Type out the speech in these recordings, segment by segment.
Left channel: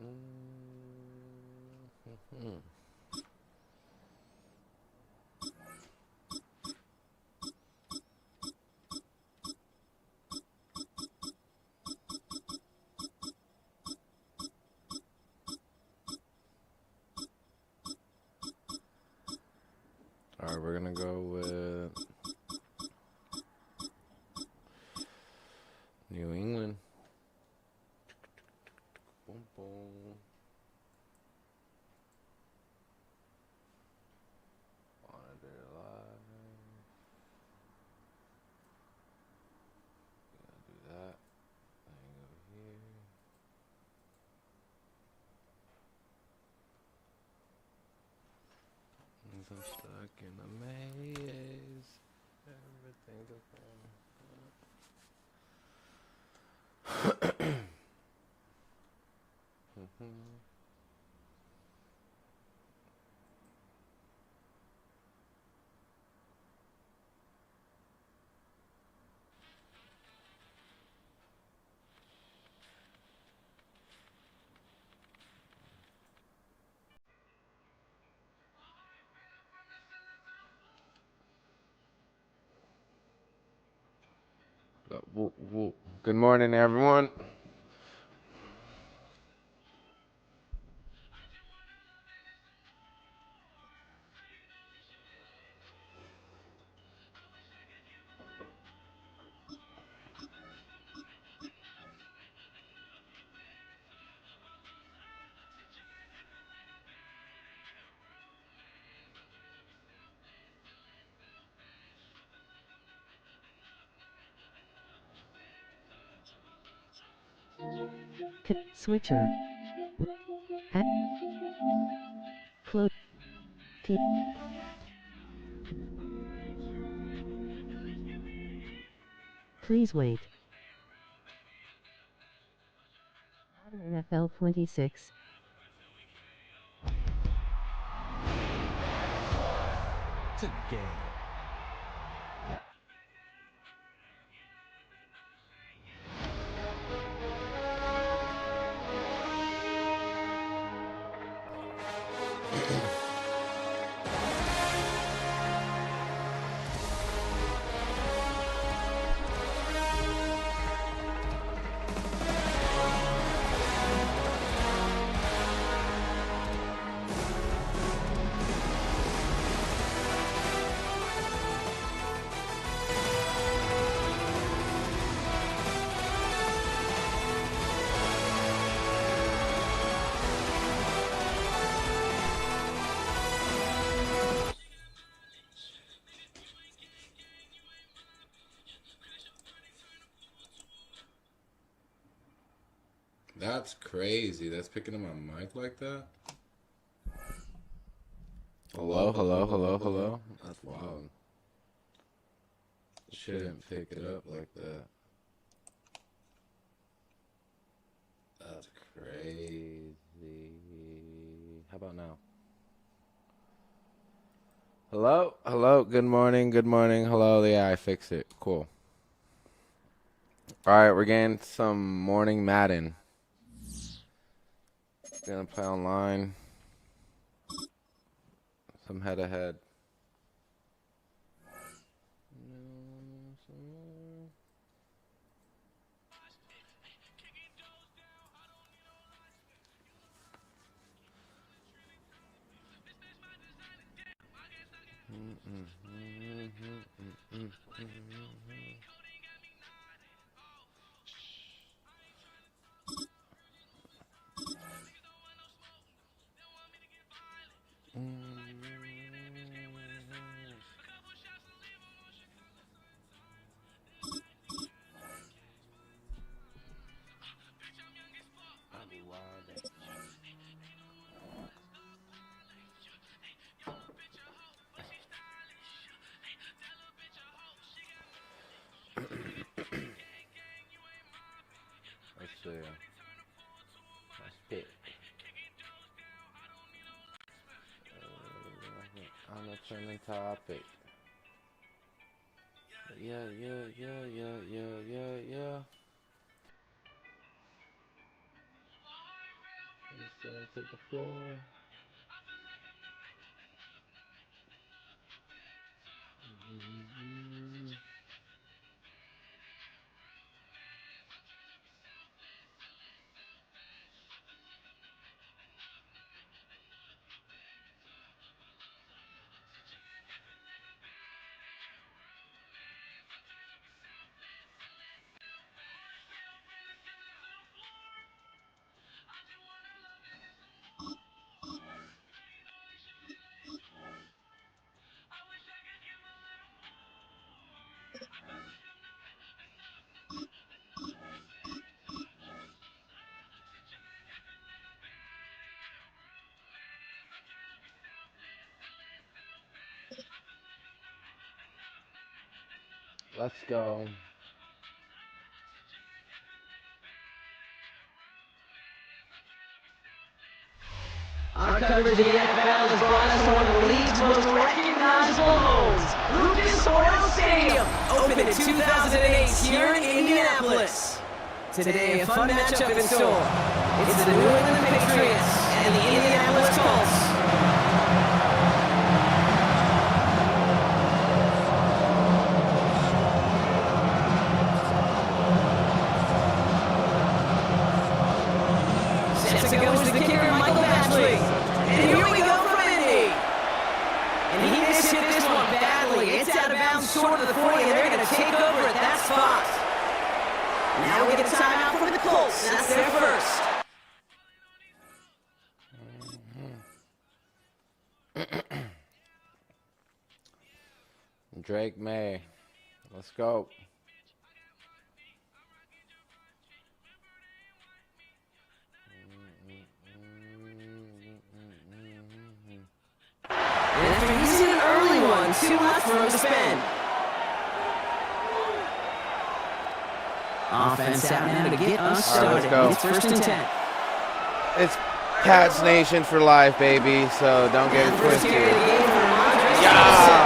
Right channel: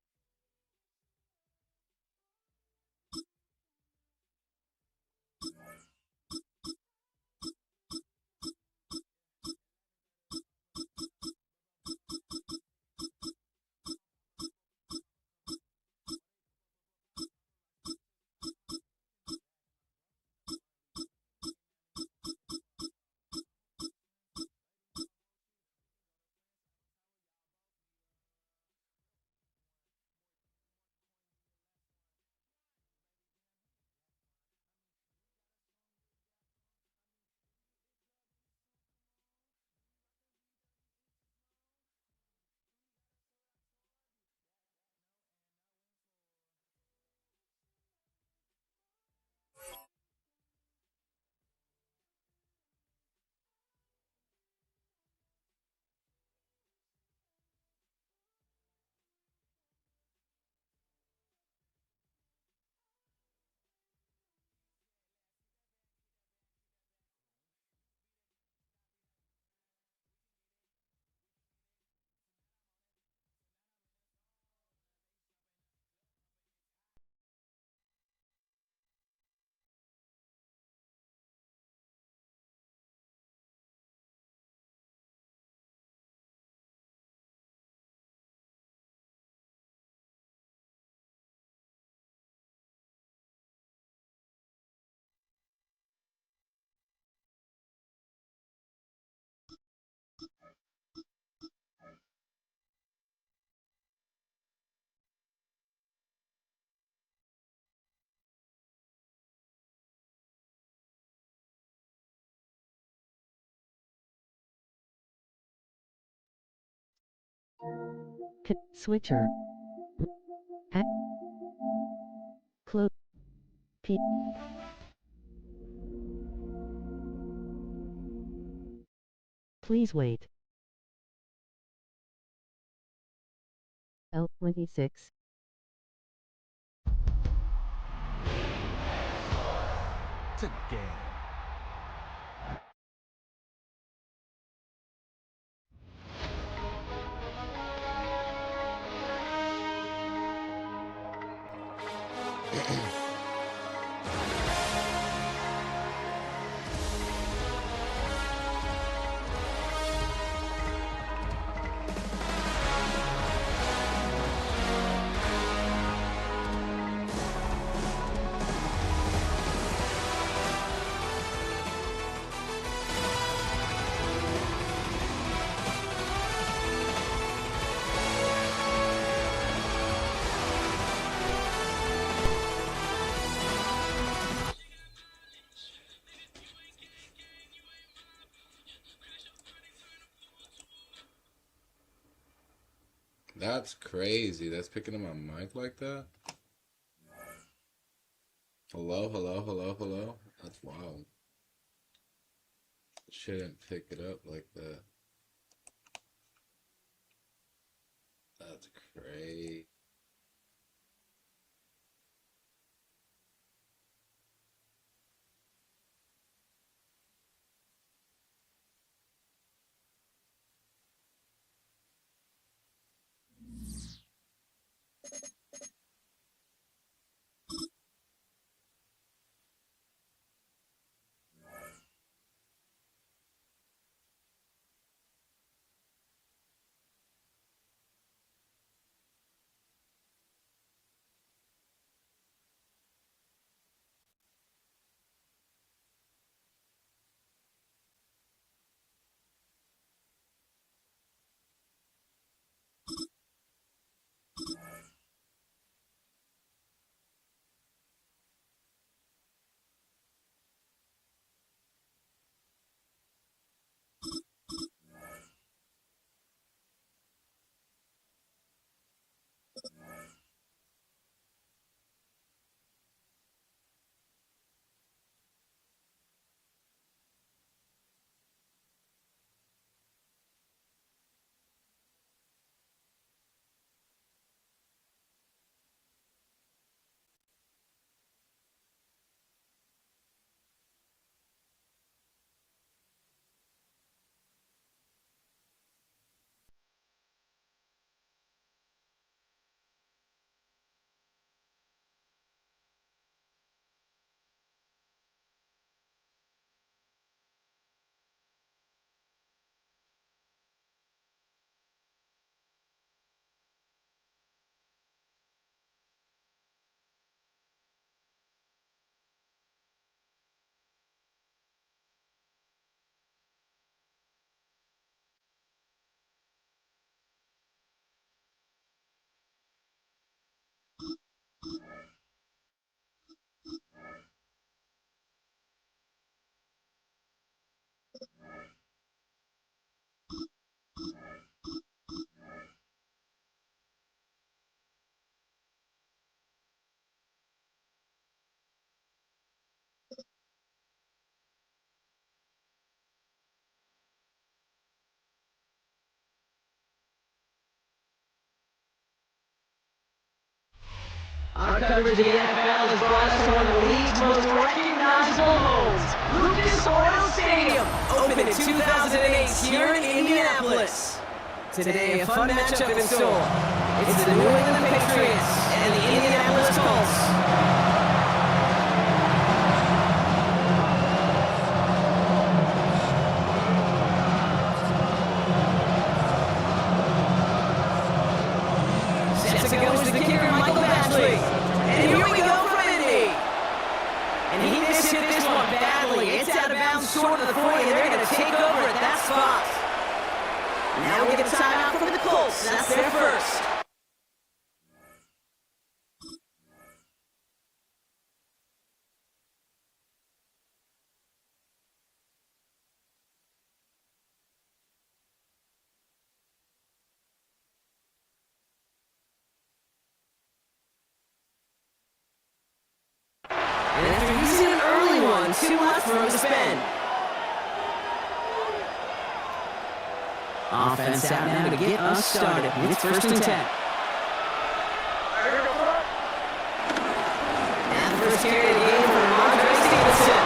All right, we're gonna go with New England. Boom, boom. Wanna do it live. Gonna do that. Then go here. I'm so stuck in a maze. Everything's okay. Good morning, everyone. Switcher. Float. Please wait. NFL 26. It's a game. That's crazy. That's picking up my mic like that. Hello, hello, hello, hello. That's wild. Shouldn't pick it up like that. That's crazy. How about now? Hello, hello. Good morning, good morning. Hello. Yeah, I fixed it. Cool. All right, we're getting some morning Madden. Gonna play online. Some head-to-head. Let's see. Let's pick. On a trending topic. Yeah. to the floor. Let's go. Our coverage of the NFL has brought us to one of the league's most recognizable homes, Lucas Oil Stadium, opened in 2008 here in Indianapolis. Today, a fun matchup in store. It's the New England Patriots and the Indianapolis Colts. Sets it goes to the kicker, Michael Batchley. And here we go from Indy. And he missed hit this one badly. It's out of bounds short of the 40, and they're going to take over at that spot. Now we get a timeout from the Colts. That's their first. Drake May. Let's go. And after using an early one, 2 left for him to spend. Offense out now to get us started. It's 1st and 10. It's Cats Nation for life, baby. So don't get. And the first carry of the game for Andre Stevenson.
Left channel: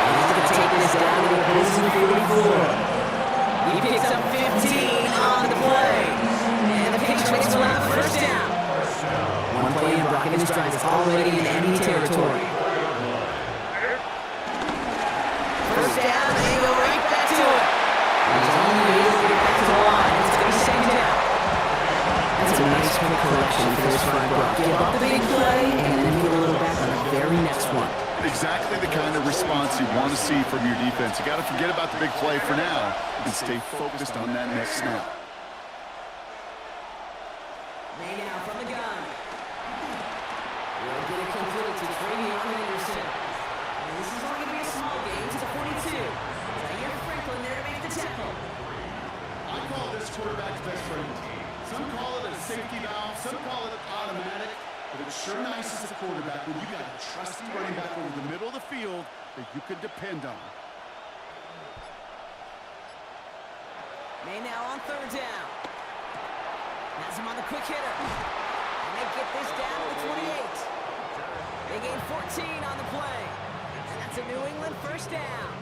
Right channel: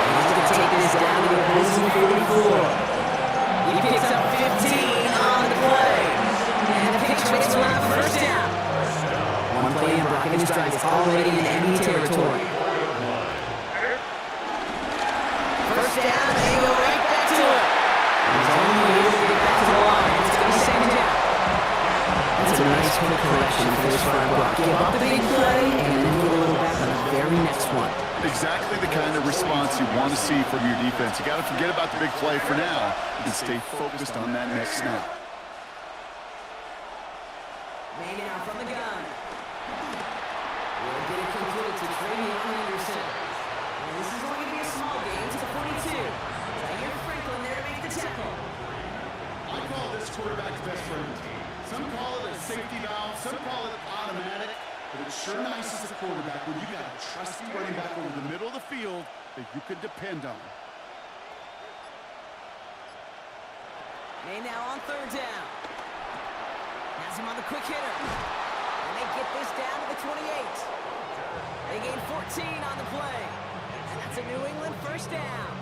And he's going to take this down to the opposing 44. He picks up 15 on the play. And the Patriots will have a first down. One play in blocking his drive is already in enemy territory. First down, they go right back to it. He's only able to get back to the line. It's going to be 2nd down. That's a nice quick correction for this front block. Give up the big play and then get a little back on the very next one. Exactly the kind of response you want to see from your defense. You got to forget about the big play for now and stay focused on that next snap. May now from the gun. We'll get it completed to Travion Henderson. And this is only going to be a small game to the 42. Zaire Franklin there to make the tackle. I call this quarterback's best friend. Some call it a safety valve, some call it automatic, but it's sure nice as a quarterback when you got a trusty running back over the middle of the field that you could depend on. May now on 3rd down. Has him on the quick hitter. And they get this down to the 28. They gain 14 on the play. And that's a New England first down.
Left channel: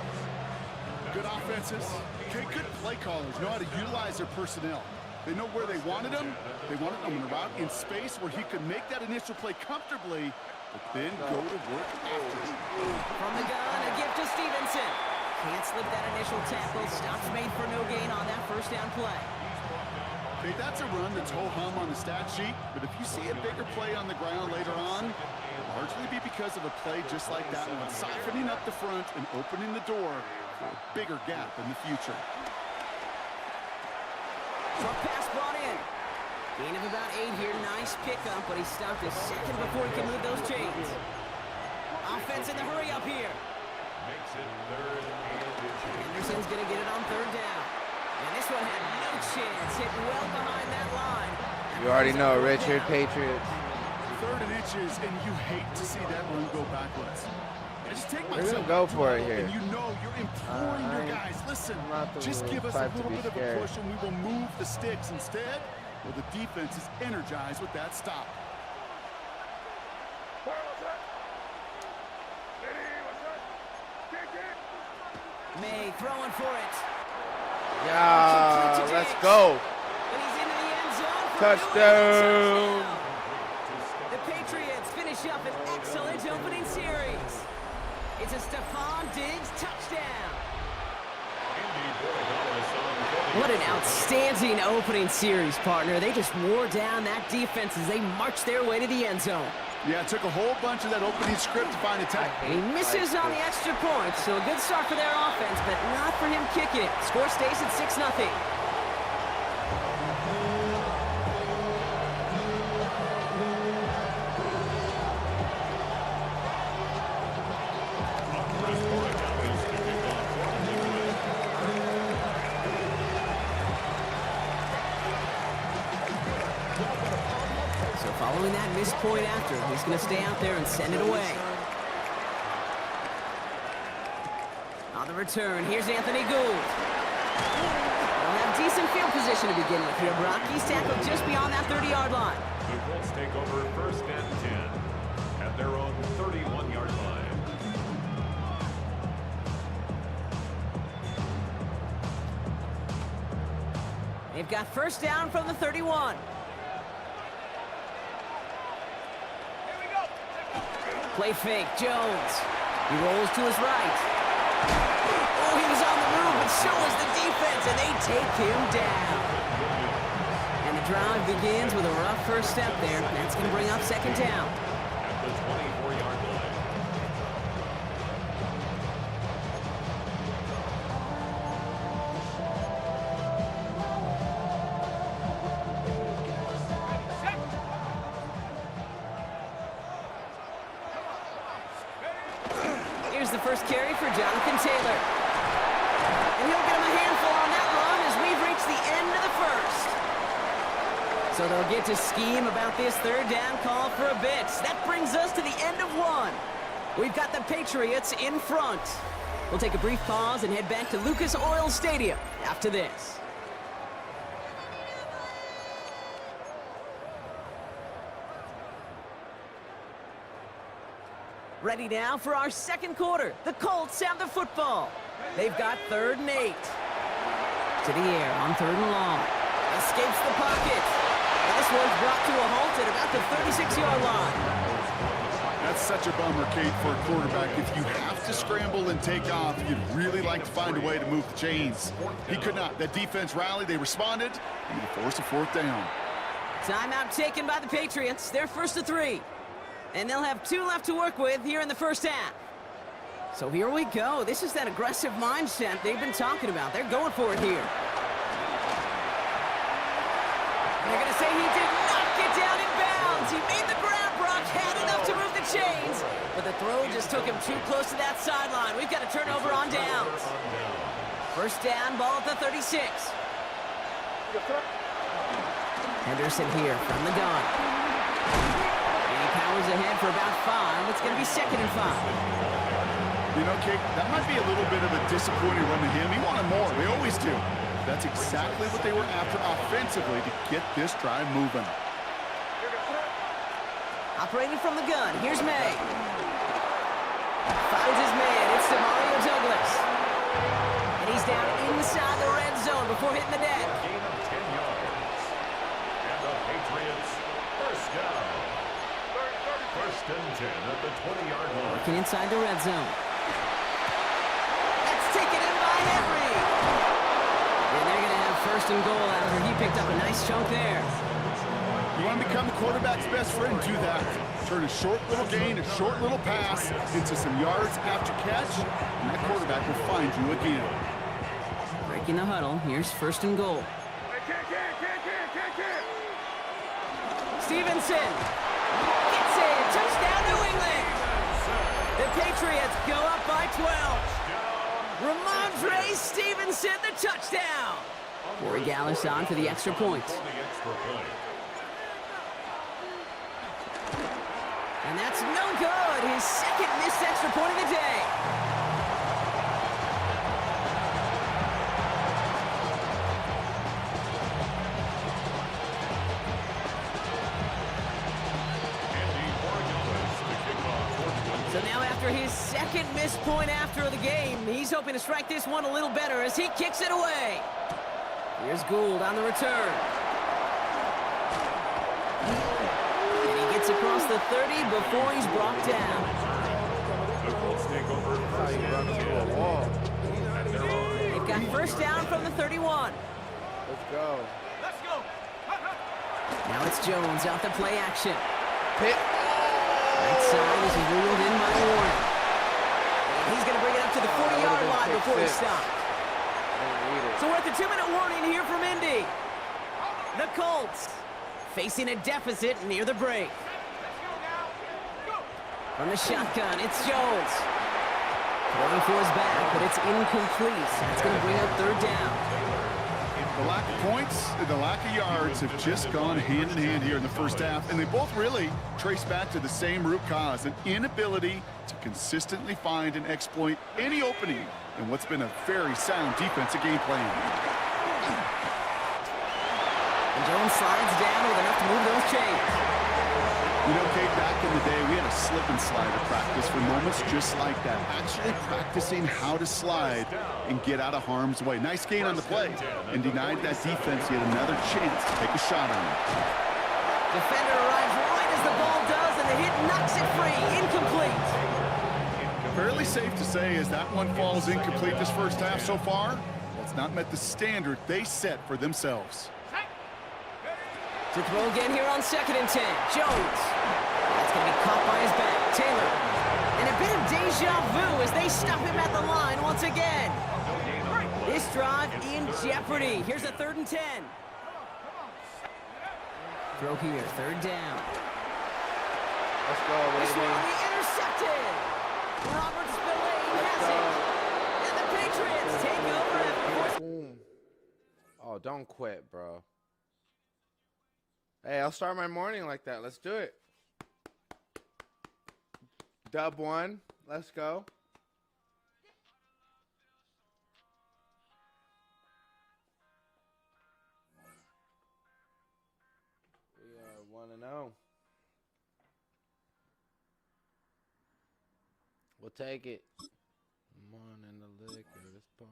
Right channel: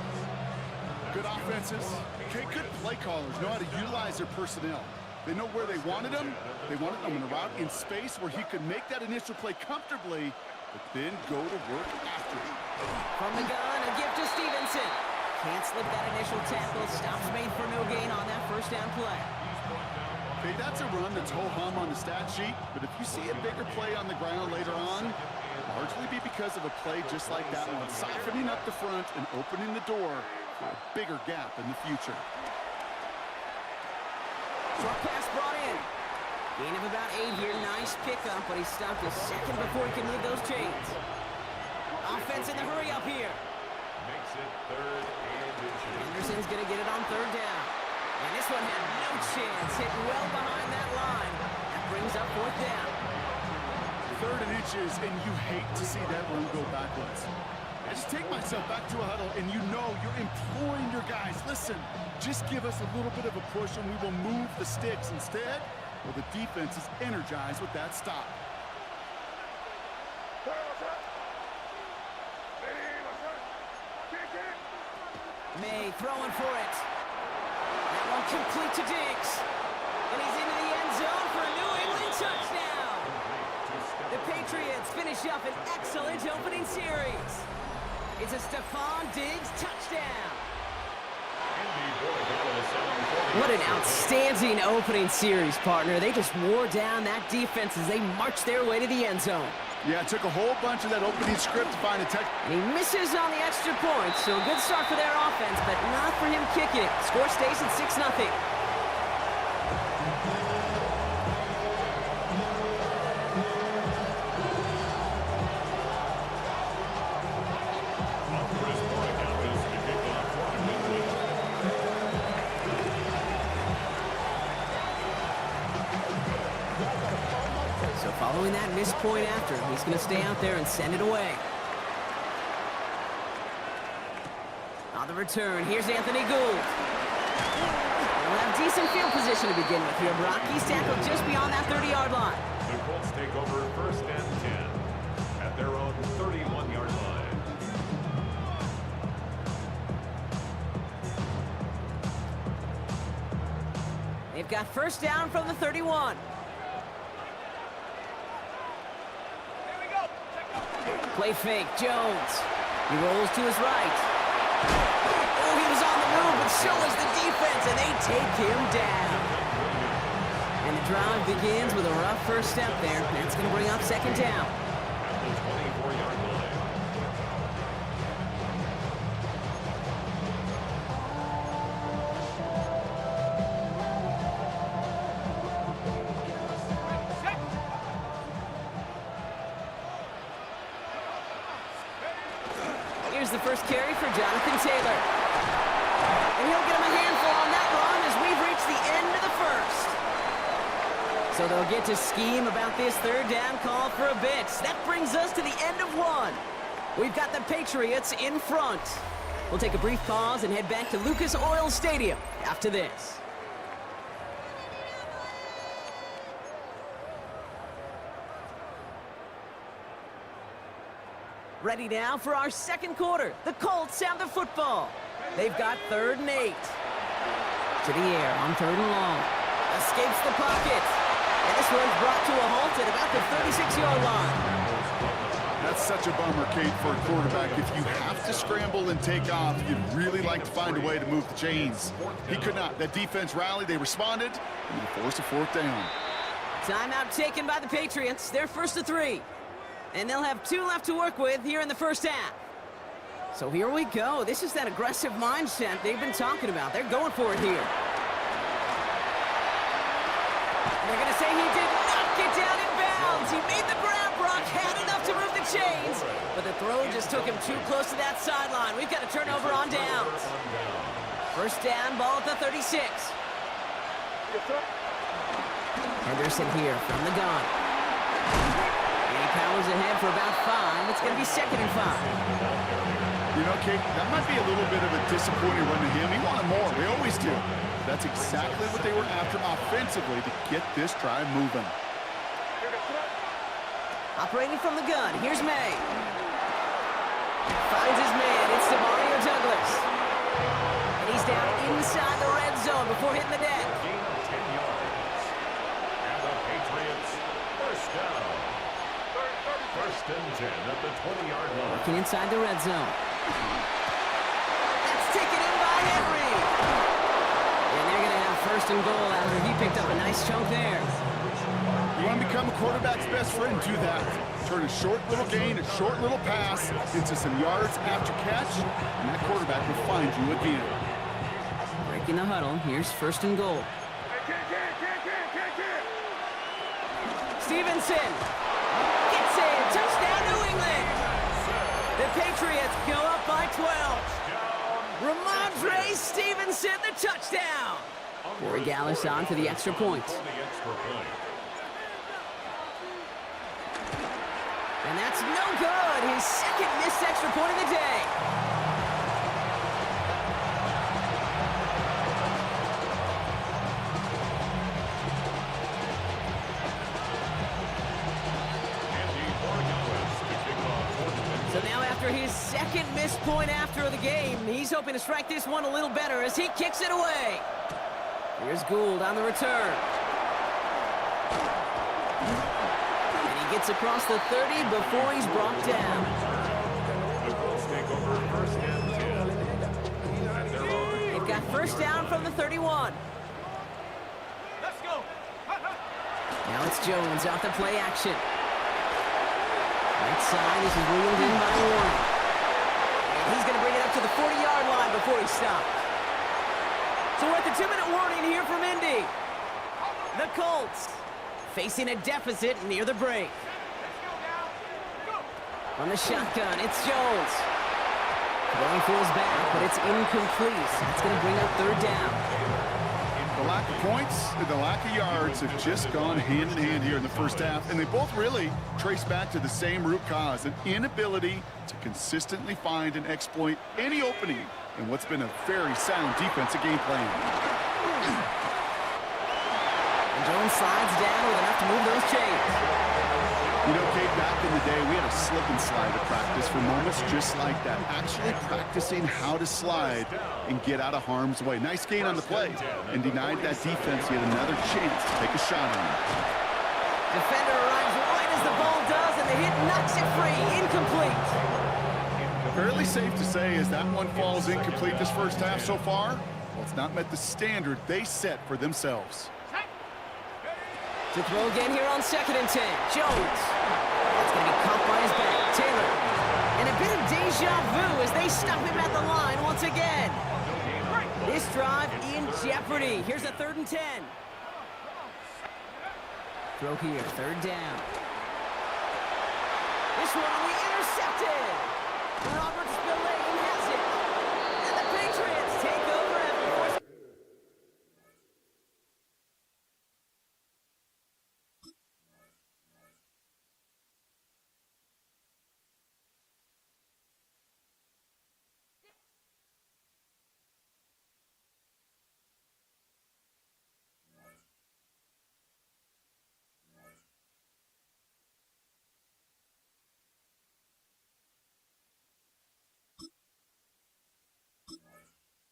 Good offenses, okay, good play callers know how to utilize their personnel. They know where they wanted him. They wanted him in a route in space where he could make that initial play comfortably, but then go to work after it. From the gun, a gift to Stevenson. Can't slip that initial tackle. Stops made for no gain on that first down play. Okay, that's a run that's ho-hum on the stat sheet, but if you see a bigger play on the ground later on, it'll largely be because of a play just like that one, softening up the front and opening the door for a bigger gap in the future. Short pass brought in. Gain of about 8 here. Nice pickup, but he stopped a second before he can move those chains. Offense in the hurry up here. Makes it 3rd and inches. Henderson's going to get it on 3rd down. And this one had no chance. Hit well behind that line. You already know, Richard, Patriots. 3rd and inches, and you hate to see that run go backwards. I just take myself Go out to for it huddle, here. and you know you're imploring your guys, listen, just give us a little bit of a push and we will move the sticks instead. Well, the defense is energized with that stop. May throwing for it. Yeah, Complete to let's Diggs. go. And he's into the end zone for Touchdown. a New England touchdown. The Patriots finish up an excellent opening series. It's a Stephon Diggs touchdown. What an outstanding opening series, partner. They just wore down that defense as they marched their way to the end zone. Yeah, it took a whole bunch of that opening script to find a touch. And he misses on the extra point, so a good start for their offense, but not for him kicking it. Score stays at 6-0. So following that missed point after, he's going to stay out there and send it away. On the return, here's Anthony Gould. They'll have decent field position to begin with here, Brock. He's tackled just beyond that 30-yard line. The Colts take over 1st and 10 at their own 31-yard line. They've got 1st down from the 31. Play fake, Jones. He rolls to his right. Oh, he was on the move, but so was the defense, and they take him down. And the drive begins with a rough first step there. That's going to bring up 2nd down. At the 24-yard line. Here's the first carry for Jonathan Taylor. And he'll get him a handful on that run as we've reached the end of the first. So they'll get to scheme about this 3rd down call for a bit. That brings us to the end of 1. We've got the Patriots in front. We'll take a brief pause and head back to Lucas Oil Stadium after this. Ready now for our 2nd quarter. The Colts have the football. They've got 3rd and 8. To the air on 3rd and long. Escapes the pocket. And this one's brought to a halt at about the 36-yard line. That's such a bummer, Kate, for a quarterback. If you have to scramble and take off, you'd really like to find a way to move the chains. He could not. That defense rallied. They responded, and they forced a 4th down. Timeout taken by the Patriots. They're 1st and 3. And they'll have 2 left to work with here in the first half. So here we go. This is that aggressive mindset they've been talking about. They're going for it here. And they're going to say he did not get down in bounds. He made the grab, Brock, had enough to move the chains. But the throw just took him too close to that sideline. We've got a turnover on downs. 1st down, ball at the 36. Henderson here from the gun. Powers ahead for about 5. It's going to be 2nd and 5. You know, Kate, that might be a little bit of a disappointing run to him. He wanted more. They always do. That's exactly what they were after offensively to get this drive moving. Operating from the gun, here's May. Finds his man. It's Demario Douglas. And he's down inside the red zone before hitting the deck. Gain of 10 yards. And the Patriots 1st down. 1st and 10 at the 20-yard line. Working inside the red zone. That's taken in by Henry. And they're going to have 1st and goal after he picked up a nice chunk there. You want to become a quarterback's best friend, do that. Turn a short little gain, a short little pass into some yards after catch, and that quarterback will find you again. Breaking the huddle. Here's 1st and goal. Stevenson. Gets it. Touchdown, New England. The Patriots go up by 12. Ramondre Stevenson, the touchdown. Corey Gallis on for the extra point. And that's no good. His 2nd missed extra point of the day. So now after his 2nd missed point after the game, he's hoping to strike this one a little better as he kicks it away. Here's Gould on the return. And he gets across the 30 before he's brought down. The Colts take over first and 10. At their own. They've got first down from the 31. Let's go. Now it's Jones off the play action. Right side, this is reeled in by Warren. And he's going to bring it up to the 40-yard line before he stops. So we're at the 2-minute warning here from Indy. The Colts facing a deficit near the break. From the shotgun, it's Jones. Throwing for his back, but it's incomplete. That's going to bring up third down. The lack of points and the lack of yards have just gone hand in hand here in the first half, and they both really trace back to the same root cause, an inability to consistently find and exploit any opening in what's been a very sound defensive game plan. And Jones slides down with enough to move those chains. You know, Kate, back in the day, we had a slip and slide at practice for moments just like that. Actually practicing how to slide and get out of harm's way. Nice gain on the play, and denied that defense yet another chance to take a shot on him. Defender arrives right as the ball does, and the hit knocks it free. Incomplete. Fairly safe to say as that one falls incomplete this first half so far, well, it's not met the standard they set for themselves. To throw again here on 2nd and 10. Jones. That's going to be caught by his back. Taylor. And a bit of deja vu as they stop him at the line once again. This drive in jeopardy. Here's a 3rd and 10. Throw here, 3rd down. This one will be intercepted. Robert Spillane has it. And the Patriots take over after Oh, don't quit, bro. Hey, I'll start my morning like that. Let's do it. Dub 1. Let's go. We are 1-0. We'll take it. Come on in the liquor. This bar.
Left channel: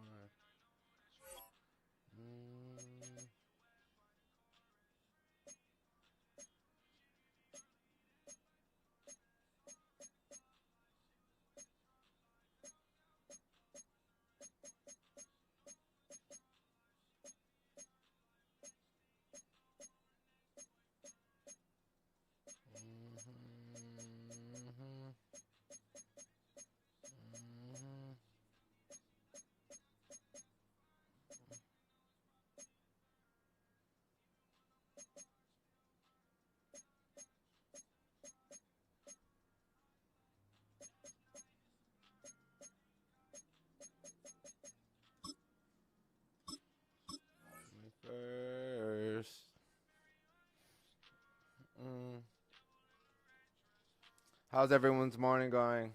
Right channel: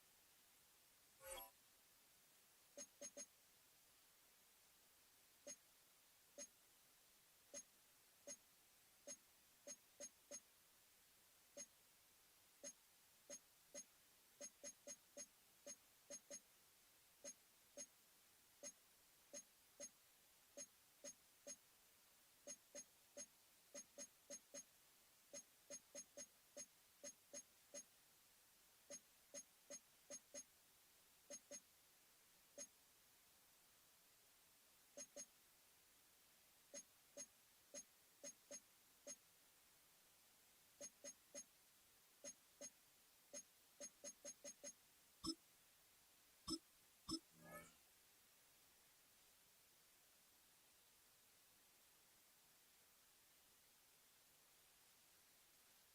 How's everyone's morning going?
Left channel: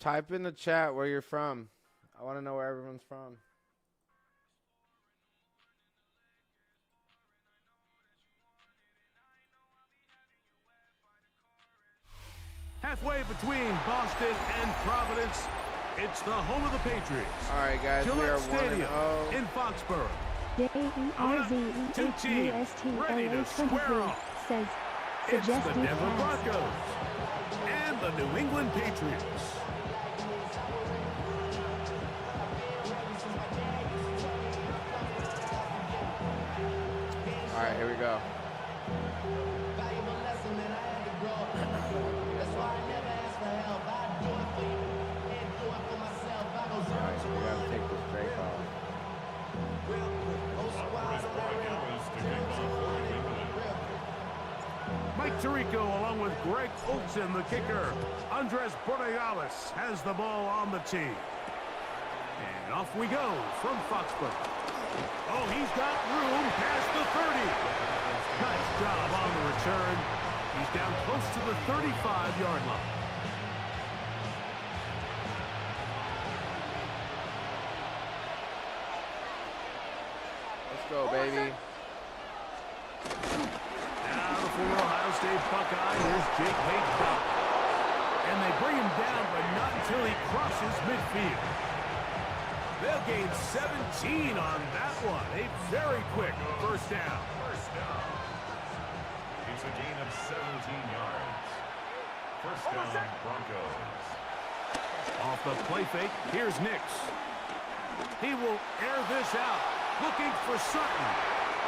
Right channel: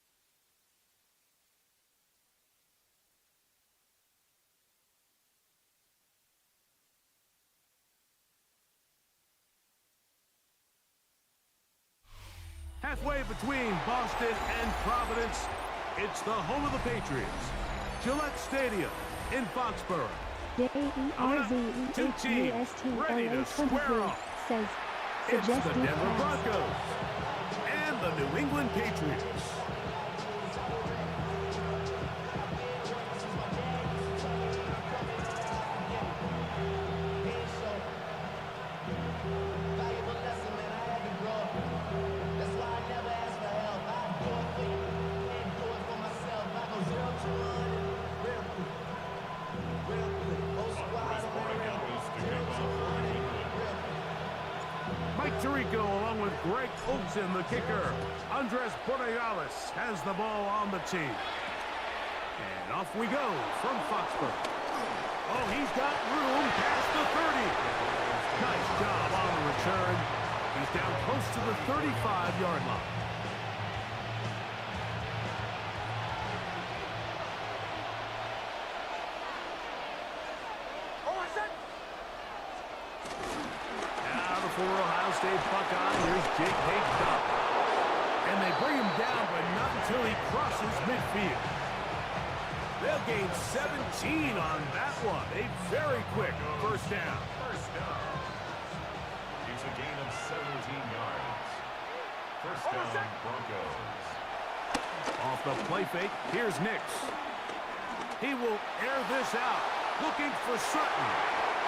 Type in the chat where you're from. I want to know where everyone's from. Halfway between Boston and Providence, it's the home of the Patriots. All right, guys. Gillette Stadium in Foxborough. Two teams ready to square off. Says It's the Denver Broncos and the New England Patriots. All right, here we go. Valuable lesson, man, I had to grow up. That's why I never ask for help. I do it for you and do it for myself. I go 0 to 100 real quick. Real quick. Whole squad on that real quick. 0 to 100 real quick. Mike Tirico along with Greg Olsen, the kicker. Andres Borregales has the ball on the tee. And off we go from Foxborough. Oh, he's got room past the 30. Nice job on the return. He's down close to the 35-yard line. Let's go, baby. Now the former Ohio State Buckeye, here's Jake Hayes-Dobb. And they bring him down, but not until he crosses midfield. They'll gain 17 on that one. A very quick first down. First down. It's a gain of 17 yards. First down, Broncos. Off the play fake, here's Nix. He will air this out, looking for Sutton.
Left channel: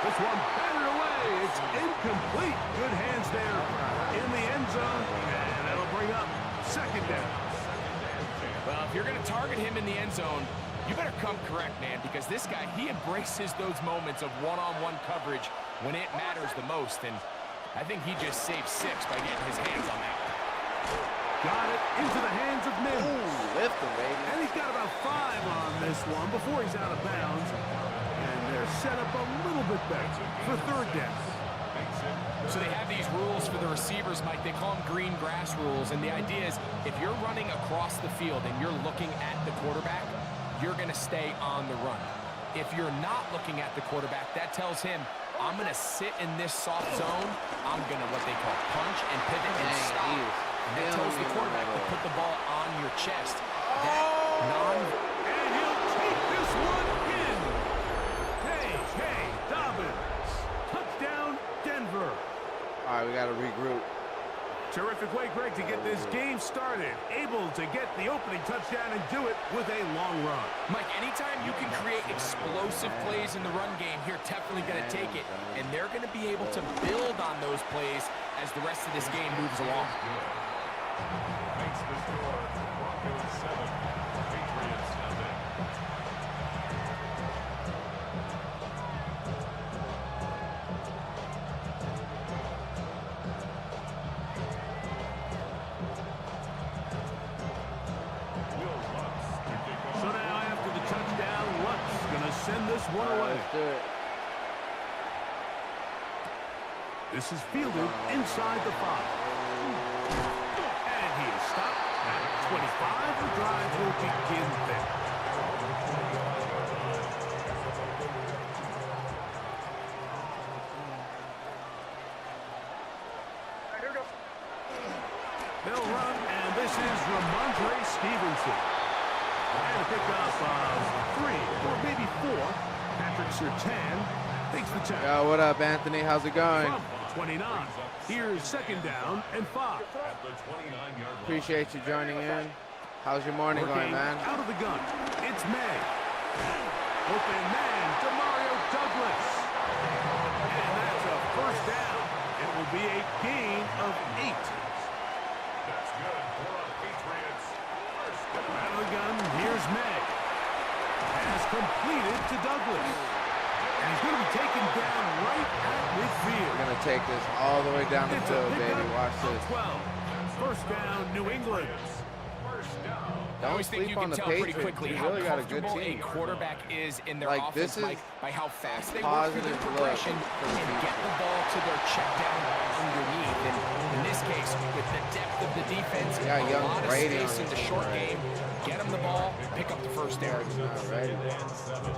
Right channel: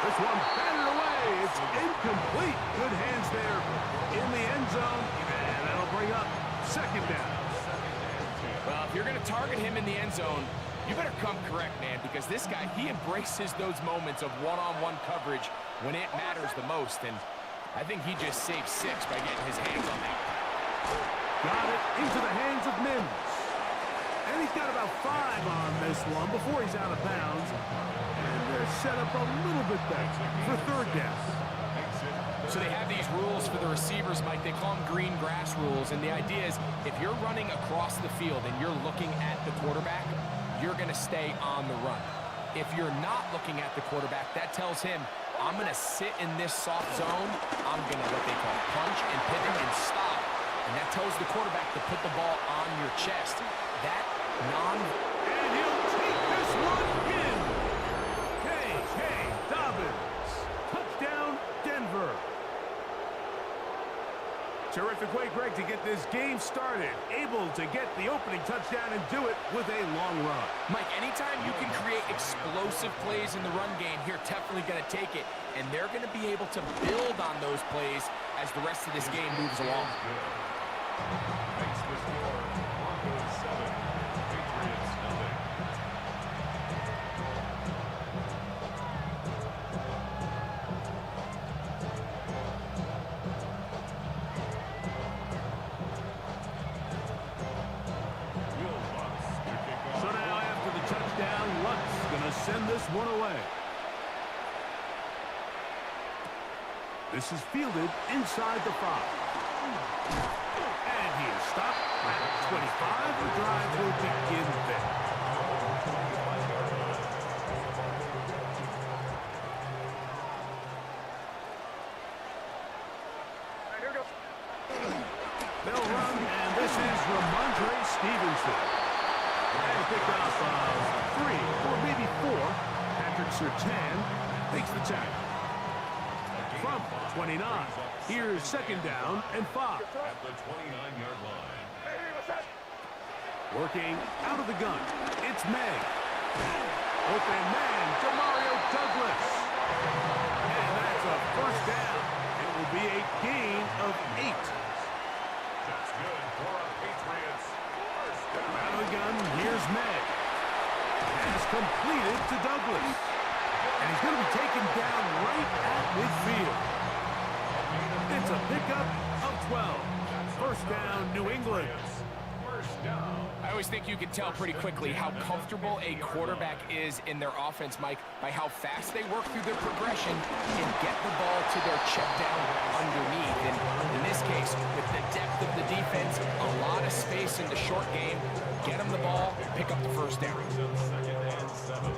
This one batted away. It's incomplete. Good hands there in the end zone, and that'll bring up second down. Well, if you're going to target him in the end zone, you better come correct, man, because this guy, he embraces those moments of one-on-one coverage when it matters the most, and I think he just saved 6 by getting his hands on that one. Got it into the hands of Mims. And he's got about 5 on this one before he's out of bounds. And they're set up a little bit better for third down. So they have these rules for the receivers, Mike. They call them green grass rules. And the idea is if you're running across the field and you're looking at the quarterback, you're going to stay on the run. If you're not looking at the quarterback, that tells him, I'm going to sit in this soft zone. I'm going to what they call punch and pivot and stop. And that tells the quarterback to put the ball on your chest. That And he'll take this one in. K.K. Dobbins. Touchdown, Denver. All right, we got to regroup. Terrific way, Greg, to get this game started. Able to get the opening touchdown and do it with a long run. Mike, anytime you can create explosive plays in the run game, you're definitely going to take it. And they're going to be able to build on those plays as the rest of this game moves along. Makes the score Broncos 7, Patriots nothing. So now after the touchdown, Lutz going to send this one away. This is fielded inside the 5. And he is stopped at 25. The drive will begin there. They'll run, and this is Ramondre Stevenson. And a pickup of 3 or maybe 4. Patrick Surtain takes the tackle. Yo, what up, Anthony? How's it going? From 29. Here's second down and 5. At the 29-yard line. Appreciate you joining in. How's your morning, Working man? out of the gun. It's May. Open man to Mario Douglas. And that's a first down. It will be a gain of 8. That's good for a Patriots. First down. Out of the gun, here's May. Has completed to Douglas. And he's going to be taken down right at midfield. We're going to take this all the way down the It's a field, pickup baby. Watch of this. 12. First down, New England. First down. I always think you can tell pretty quickly how comfortable a quarterback is in their Like, offense, this is Mike, by how fast they work through their progression and get the ball to their check down underneath. And in this case, with the depth of the defense, a lot of space in the short game, get them the ball, pick up the first down. Second and 7.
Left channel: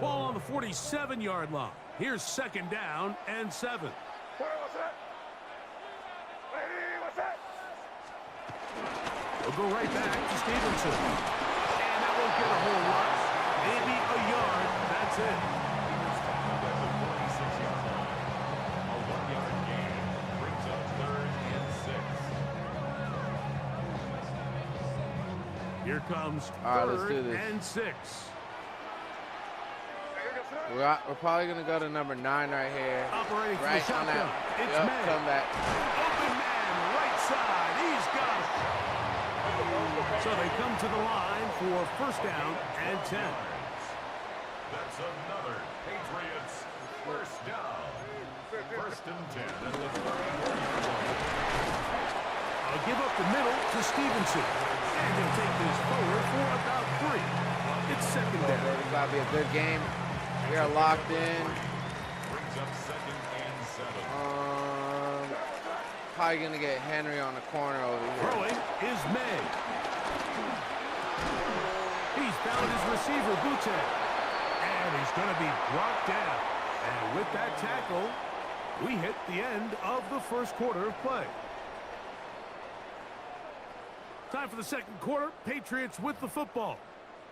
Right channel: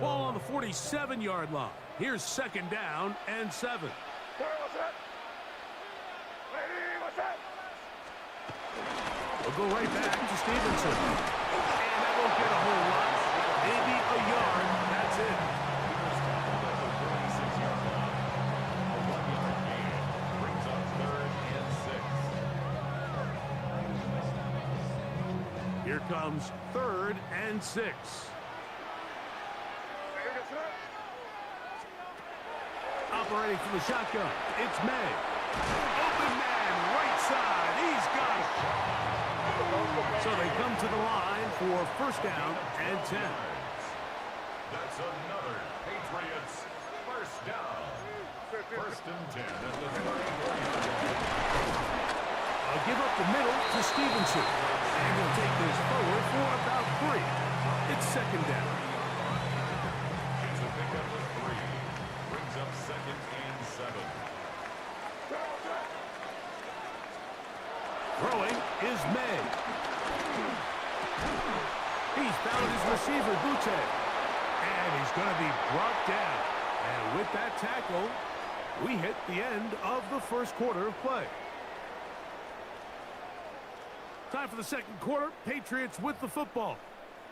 Ball on the 47-yard line. Here's second down and 7. We'll go right back to Stevenson. And that won't get a whole lot. Maybe a yard. That's it. Peters tackled at the 46-yard line. A 1-yard gain brings up third and 6. Here comes All right, third let's do this. and 6. We're probably going to go to number 9 right here. Operating from the Right on shotgun. that. It's Yep, May. come back. Open man, right side. He's got it. So they come to the line for first down and 10. That's another Patriots first down. First and 10 at the 34-yard line. I'll give up the middle to Stevenson. And he'll take this forward for about 3. It's second down. It's got to be a good game. You're locked in. Brings up second and 7. Probably going to get Henry on the corner over here. Throwing is May. He's found his receiver, Butte. And he's going to be brought down. And with that tackle, We hit the end of the first quarter of play. Time for the second quarter. Patriots with the football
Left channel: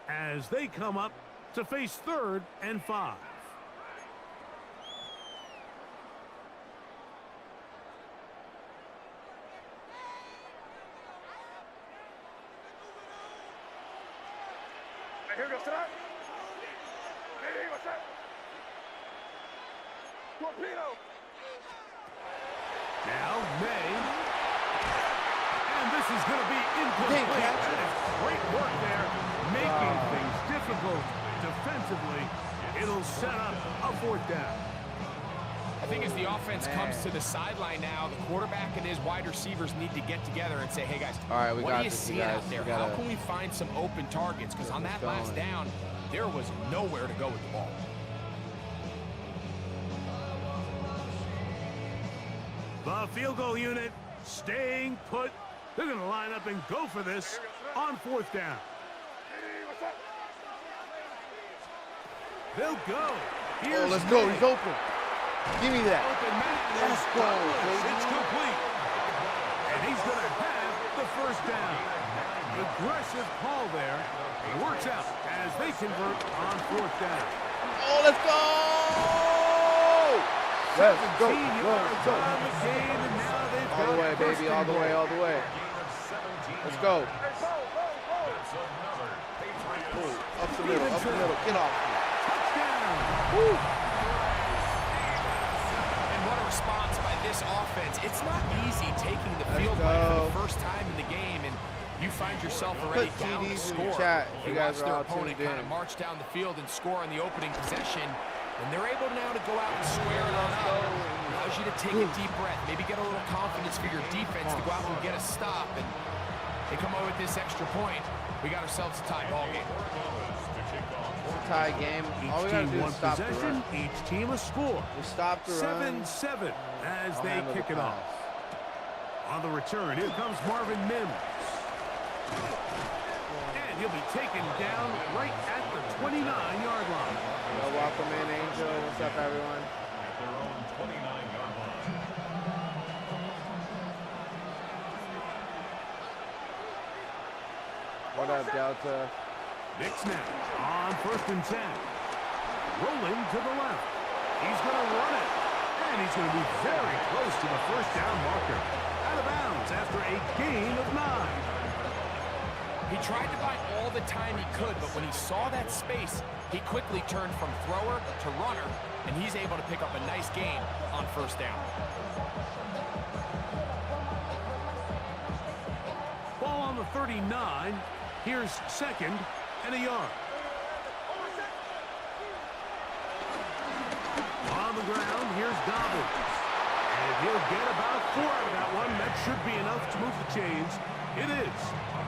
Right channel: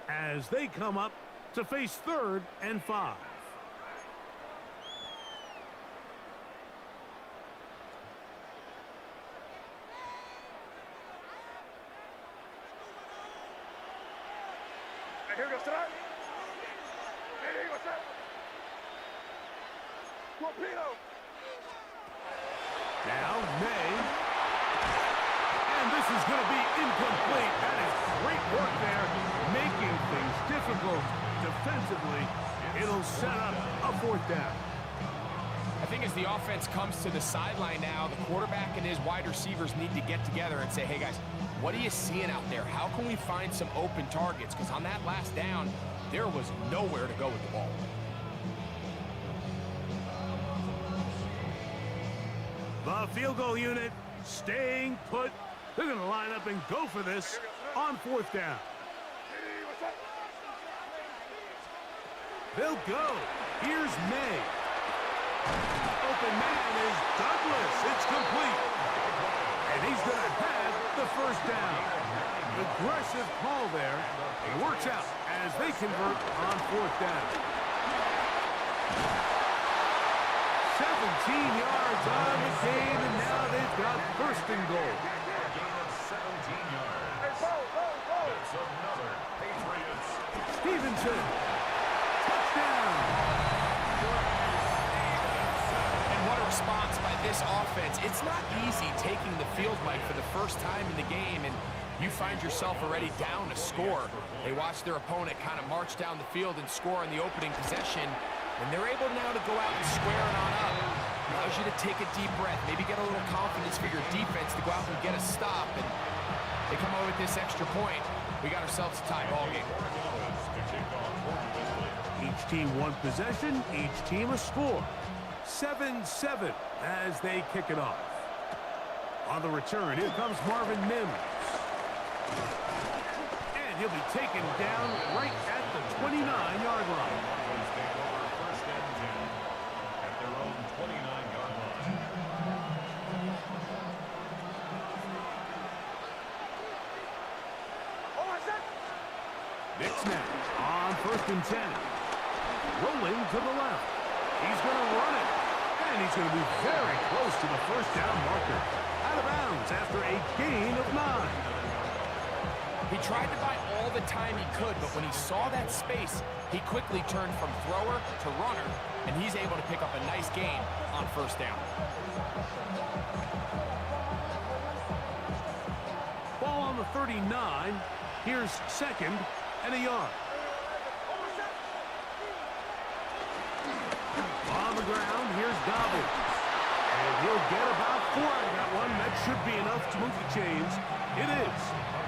as they come up to face 3rd and 5. Here goes tonight. Hey, what's up? Torpedo. Now, May. And this is going to be incomplete. That is great work there, making things difficult defensively. It'll set up a 4th down. I think as the offense comes to the sideline now, the quarterback and his wide receivers need to get together and say, hey, guys, what are you seeing out there? How can we find some open targets? Because on that last down, there was nowhere to go with the ball. The field goal unit staying put. They're going to line up and go for this on 4th down. They'll go. Here's May. Give me that. Open man is Douglas. It's complete. And he's going to have the 1st down. Aggressive call there. It works out as they convert on 4th down. Oh, let's go! 17 yards on the gain, and now they've got 1st and goal. Gain of 17 Let's yards. go. That's another Patriots. Stevenson. Touchdown. And what a response by this offense. It's not easy taking the field right for the first time in the game, and you find yourself already down to score. They watch their opponent kind of march down the field and score on the opening possession, and they're able now to go out and square it on up. Allows you to take a deep breath, maybe get a little confidence for your defense to go out and get a stop, and they come out with this extra point. We got ourselves a tie ball game. Tie game. Each team one possession, each team a score. 7-7 as they kick it off. On the return, here comes Marvin Mims. And he'll be taken down right at the 29-yard line. At their own 29-yard line. Nick snap on 1st and 10. Rolling to the left. He's going to run it. And he's going to be very close to the 1st down marker. Out of bounds after a gain of 9. He tried to buy all the time he could, but when he saw that space, he quickly turned from thrower to runner, and he's able to pick up a nice gain on 1st down. Ball on the 39. Here's 2nd and a yard. On the ground, here's Dobbins. And he'll get about 4 out of that one. That should be enough to move the chains. It is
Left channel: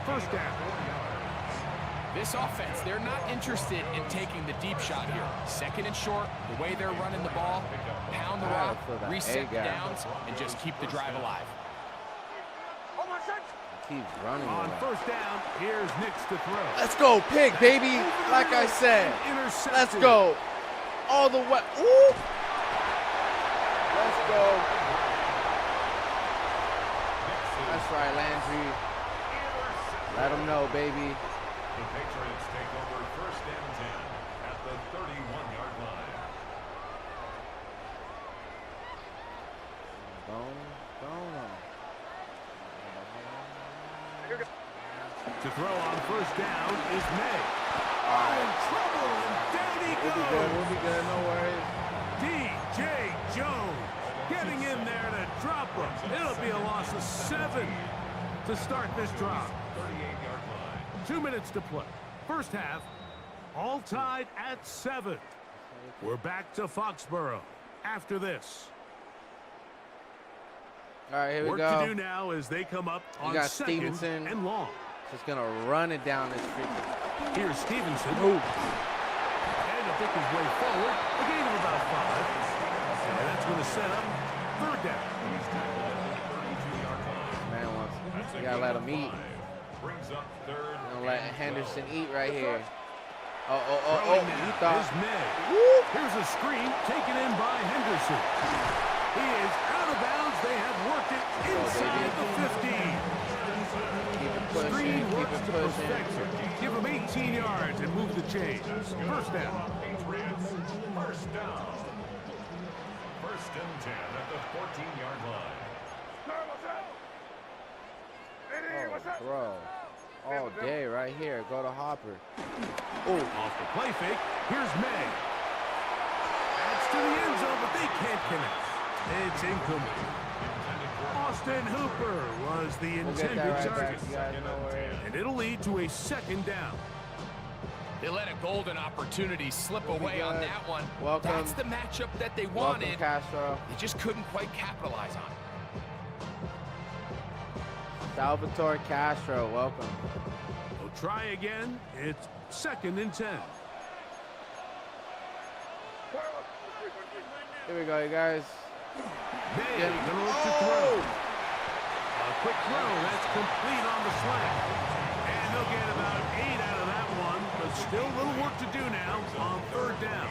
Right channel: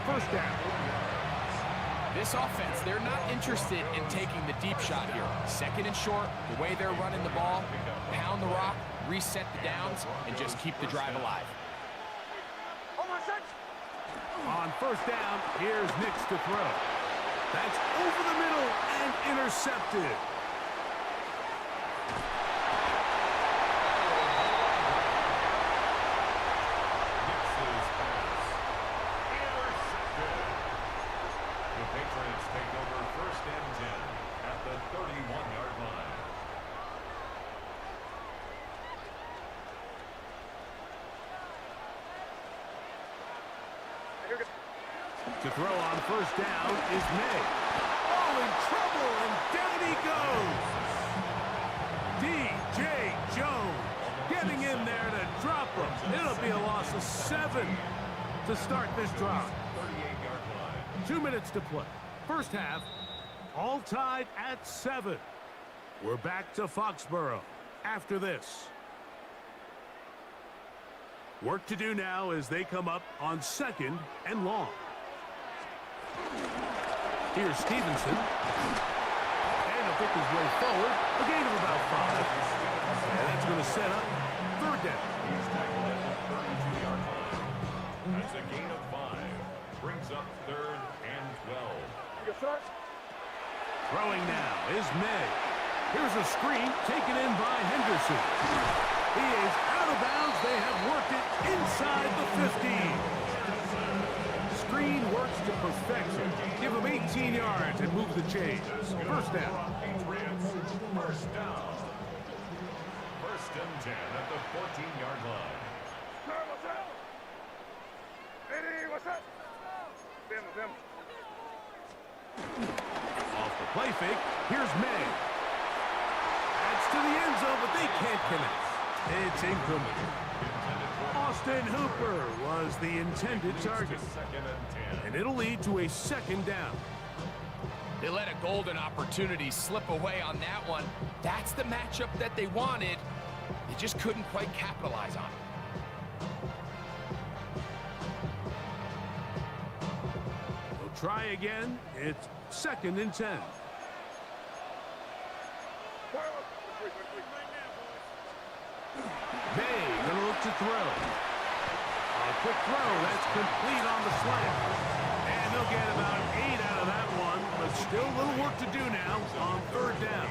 1st down. This offense, they're not interested in taking the deep shot here. 2nd and short, the way they're running the ball, pound the rock, reset the downs, and just keep the drive alive. On 1st down, here's Nix to throw. Let's go, pick, baby. Like I said, let's go. All the way. Ooh. Let's go. That's right, Landry. Let him know, baby. The Patriots take over 1st and 10 at the 31-yard line. To throw on 1st down is May. Oh, in trouble, and down he goes. D.J. Jones getting in there to drop him. It'll be a loss of 7 to start this drive. 38-yard line. 2 minutes to play. 1st half, all tied at 7. We're back to Foxborough after this. All right, here we Work go. to do now as they come up on 2nd Stevenson. and long. Just going to run it down the street. Here's Stevenson. And he'll pick his way forward. A gain of about 5. And that's going to set up 3rd down. He's tackled at the 32-yard line. That's a gain of 5. Brings up 3rd Let and 12. Henderson eat right here. Throwing now is May. Here's a screen taken in by Henderson. He is out of bounds. They have worked it inside the 15. Screen works to perfection. Give him 18 yards and move the chains. First down. Patriots, first down. First and 10 at the 14-yard line. Bro. All day right here. Go to Hopper. Off the play fake. Here's May. That's to the end zone, but they can't connect. It's incomplete. Austin Hooper was the intended target. And it'll lead to a second down. They let a golden opportunity slip away on that one. That's the matchup that they wanted. They just couldn't quite capitalize on it. Salvatore Castro, welcome. We'll try again. It's second and 10. Here we go, you guys. May gonna look to throw. A quick throw, that's complete on the slant. And they'll get about 8 out of that one, but still a little work to do now on third down.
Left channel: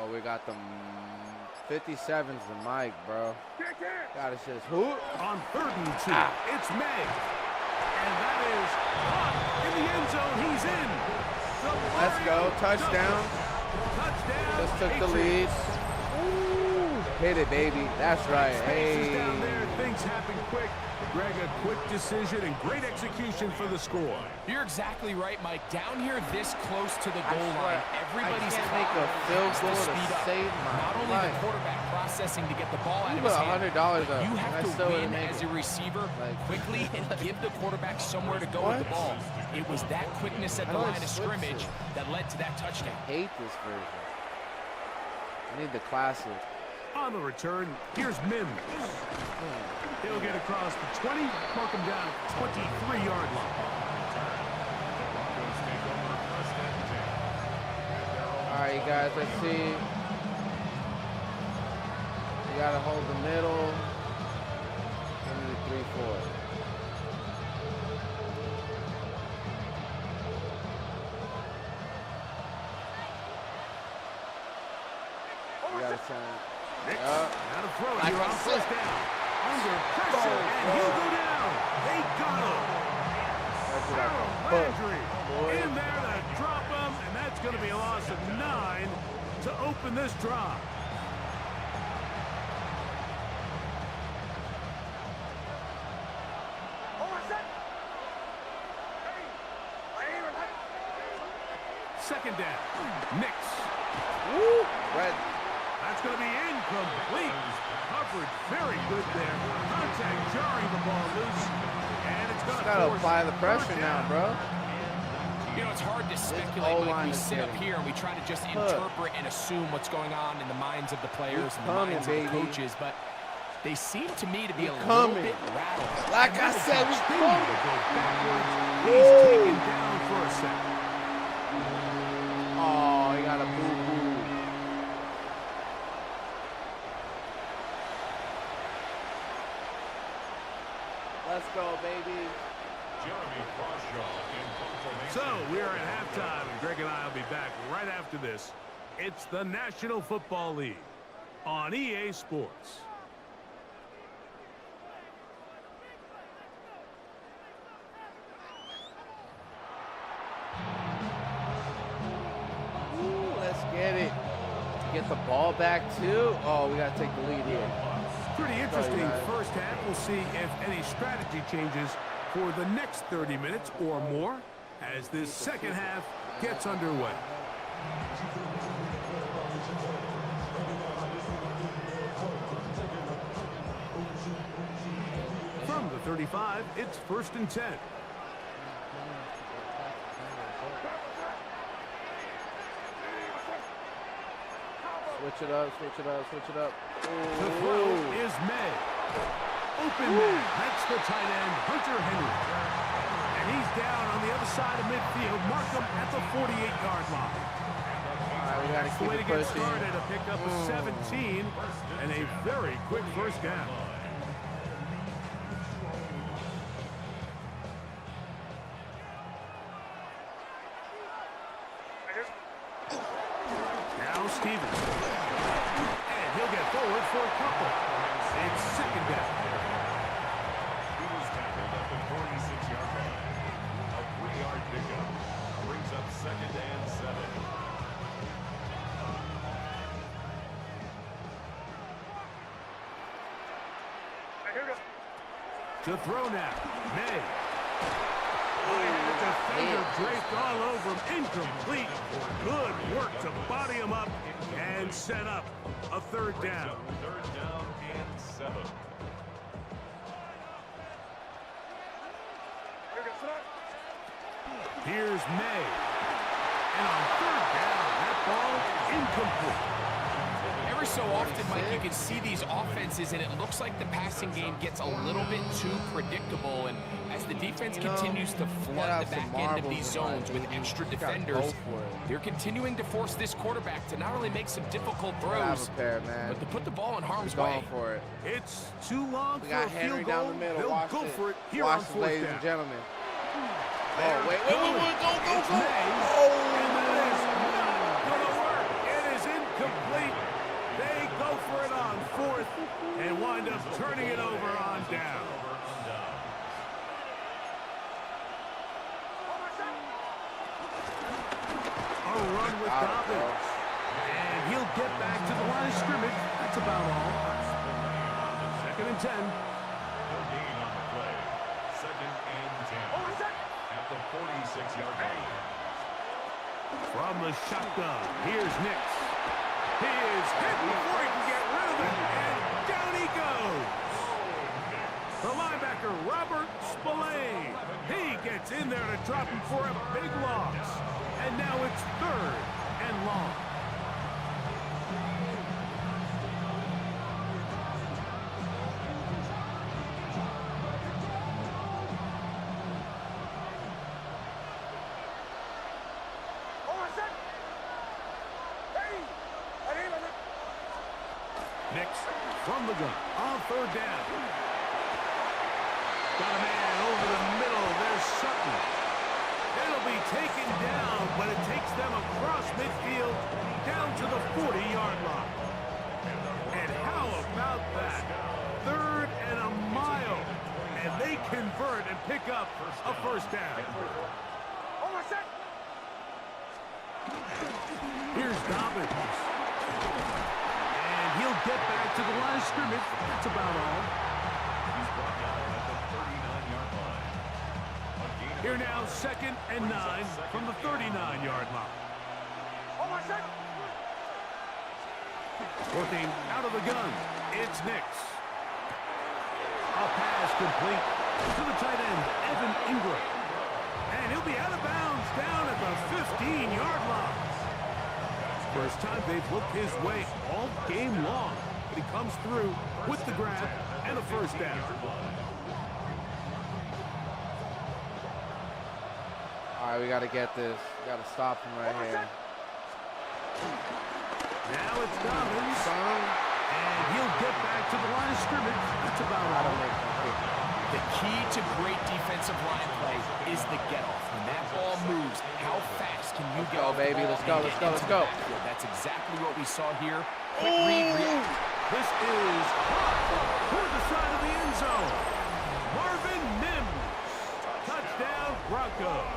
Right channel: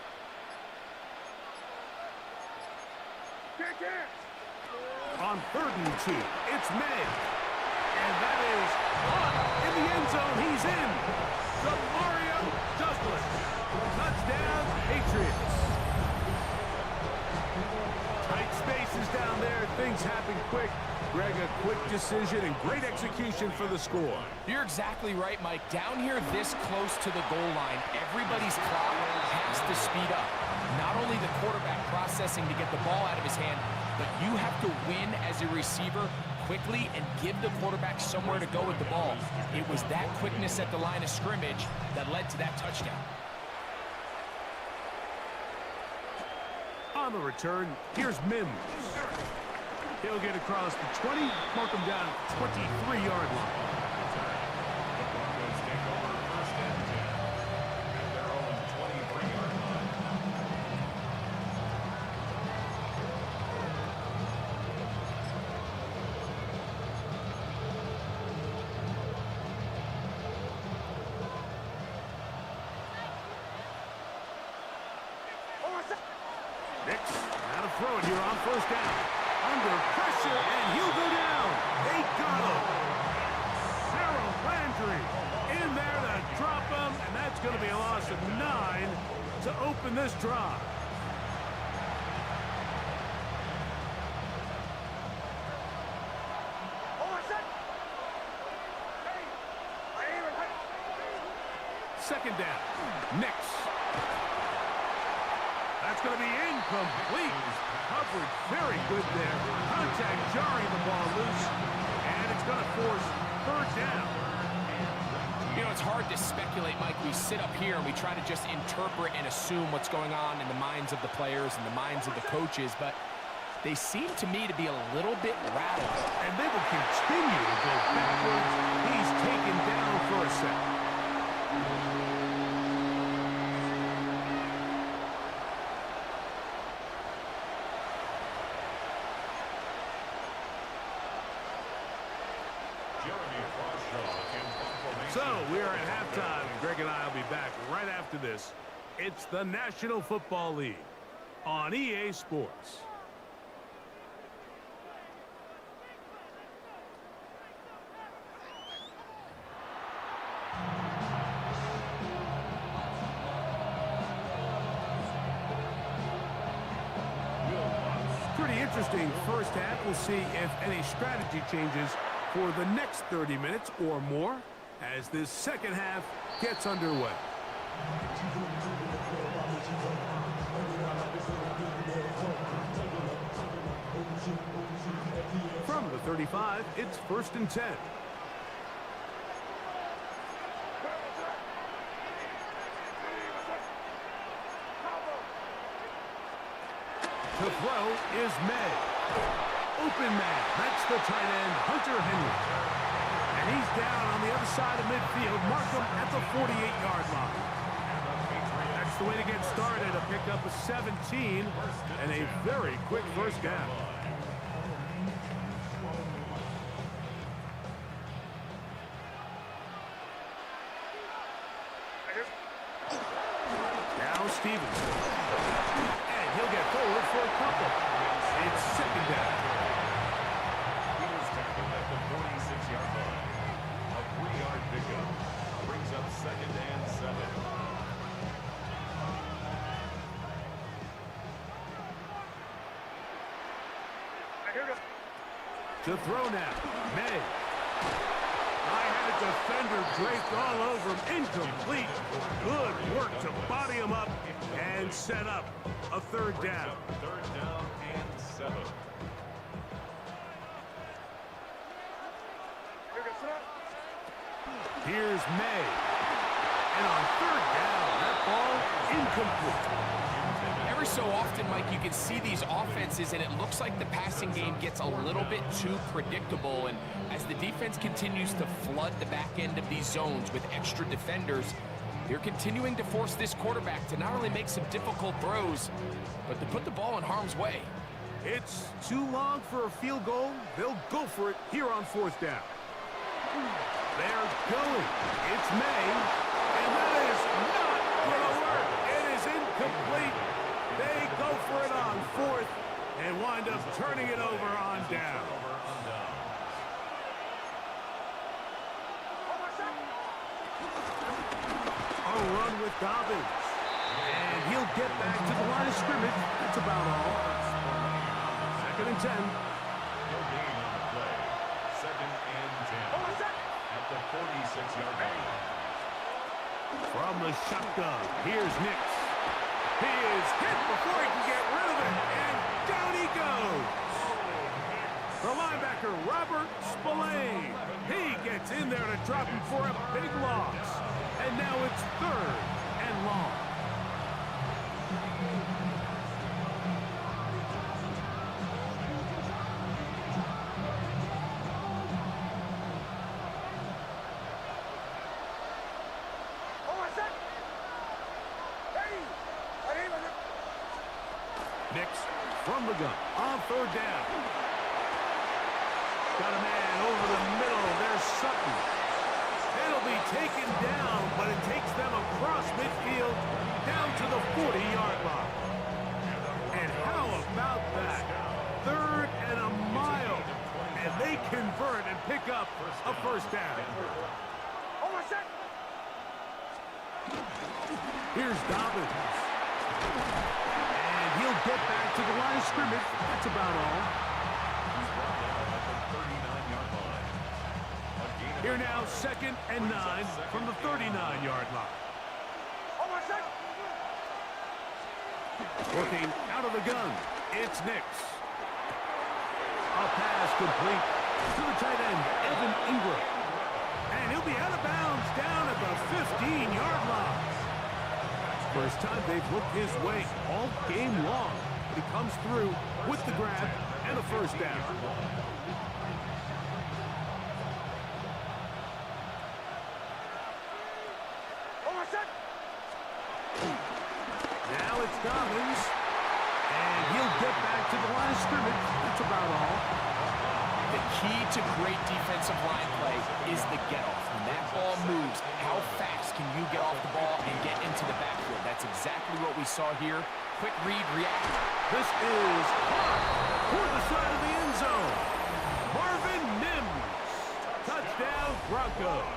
Oh, we got the 57's the mic, bro. God, it's just who? On third and 2, it's May. And that is caught in the end zone. He's in. The Mario touchdown. Touchdown, Took the Patriots. lead. Hit it, baby. That's right. Spaces Hey. down there. Things happen quick. Greg, a quick decision and great execution for the score. You're exactly right, Mike. Down here this close to the goal line, everybody's clock has to speed up. Not only the quarterback processing to get the ball out of his hand, but you have to win as a receiver quickly and give the quarterback somewhere to go with the ball. It was that quickness at the line of scrimmage that led to that touchdown. I hate this version. I need the classic. On the return, here's Mims. He'll get across the 20, mark him down at the 23-yard line. Broncos take over first and 10. At their own All right, you guys, let's see. We got to hold the middle. 3-4. Nix, now to throw it here on first down. Under pressure, and he'll go down. They got him. Harold Landry in there to drop him, and that's going to be a loss of 9 to open this drive. Second down. Nix. That's going to be incomplete. Coverage very good there. Contact jarring the ball loose. And it's going to force third down. You know, it's hard to speculate, Mike. We sit up here and we try to just interpret and assume what's going on in the minds of the players and the minds of the coaches, but they seem to me to be a little bit rattled. And that will continue to go backwards. He's taken down for a second. So we are at halftime, and Greg and I will be back right after this. It's the National Football League on EA Sports. Let's get it. Get the ball back, too. Oh, we got to take the lead here. Pretty interesting first half. We'll see if any strategy changes for the next 30 minutes or more as this second half gets underway. From the 35, it's first and 10. Switch it up, switch it up, switch it up. The throw is May. Open man. That's the tight end, Hunter Henry. And he's down on the other side of midfield. Mark him at the 48-yard line. That's the way to get started. A pickup of 17 and a very quick first down. Now Stevens. And he'll get forward for a couple. It's second down. He was tackled at the 46-yard line. A 3-yard pickup brings up 2nd and 7. To throw now, May. I had a defender draped all over him. Incomplete. Good work to body him up and set up a third down. 3rd down and 7. Here's May. And on third down, that ball incomplete. Every so often, Mike, you can see these offenses, and it looks like the passing game gets a little bit too predictable. And as the defense continues to flood the back end of these zones with extra defenders, they're continuing to force this quarterback to not only make some difficult throws, but to put the ball in harm's way. It's too long for a field goal. They'll go for it here on 4th down. They're going. It's May, and that is not going to work. It is incomplete. They go for it on 4th and wind up turning it over on down. A run with Dobbins. And he'll get back to the line of scrimmage. That's about all. 2nd and 10. No gain on the play. 2nd and 10. At the 46-yard line. From the shotgun, here's Nix. He is hit before he can get rid of it, and down he goes. The linebacker, Robert Spillane. He gets in there to drop him for a big loss. And now it's 3rd and long. Nix from the gun on 3rd down. Got a man over the middle. There's Sutton. It'll be taken down, but it takes them across midfield down to the 40-yard line. And how about that? 3rd and a mile. And they convert and pick up a 1st down. Here's Dobbins. And he'll get back to the line of scrimmage. That's about all. He's brought down at the 39-yard line. Here now, 2nd and 9 from the 39-yard line. Working out of the gun, it's Nix. A pass complete to the tight end, Evan Ingram. And he'll be out of bounds down at the 15-yard line. First time they've looked his way all game long, but he comes through with the grab and a 1st down. All right, we got to get this. We got to stop him right here. Now it's Dobbins, and he'll get back to the line of scrimmage. That's about all. The key to great defensive line play is the get-off. When that ball moves, how fast can you get off the ball and get into the backfield? That's exactly what we saw here. Quick read, react. This is hot toward the side of the end zone. Marvin Mims. Touchdown, Broncos.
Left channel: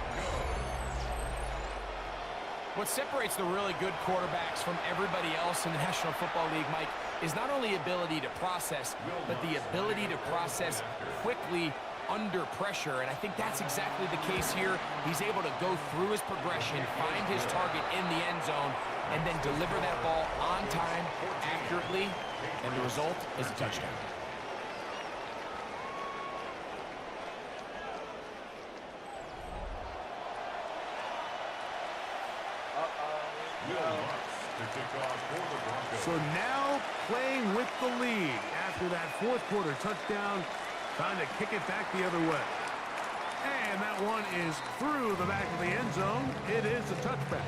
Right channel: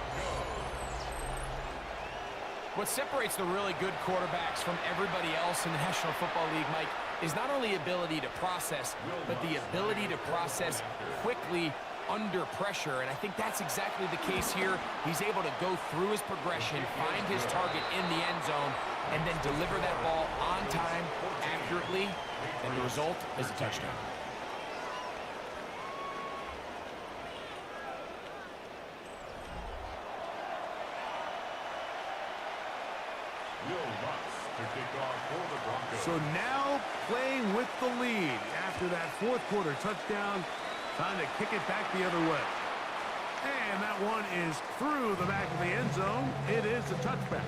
What separates the really good quarterbacks from everybody else in the National Football League, Mike, is not only ability to process, but the ability to process quickly under pressure. And I think that's exactly the case here. He's able to go through his progression, find his target in the end zone, and then deliver that ball on time, accurately, and the result is a touchdown. So now playing with the lead after that 4th quarter touchdown, trying to kick it back the other way. And that one is through the back of the end zone. It is a touchback.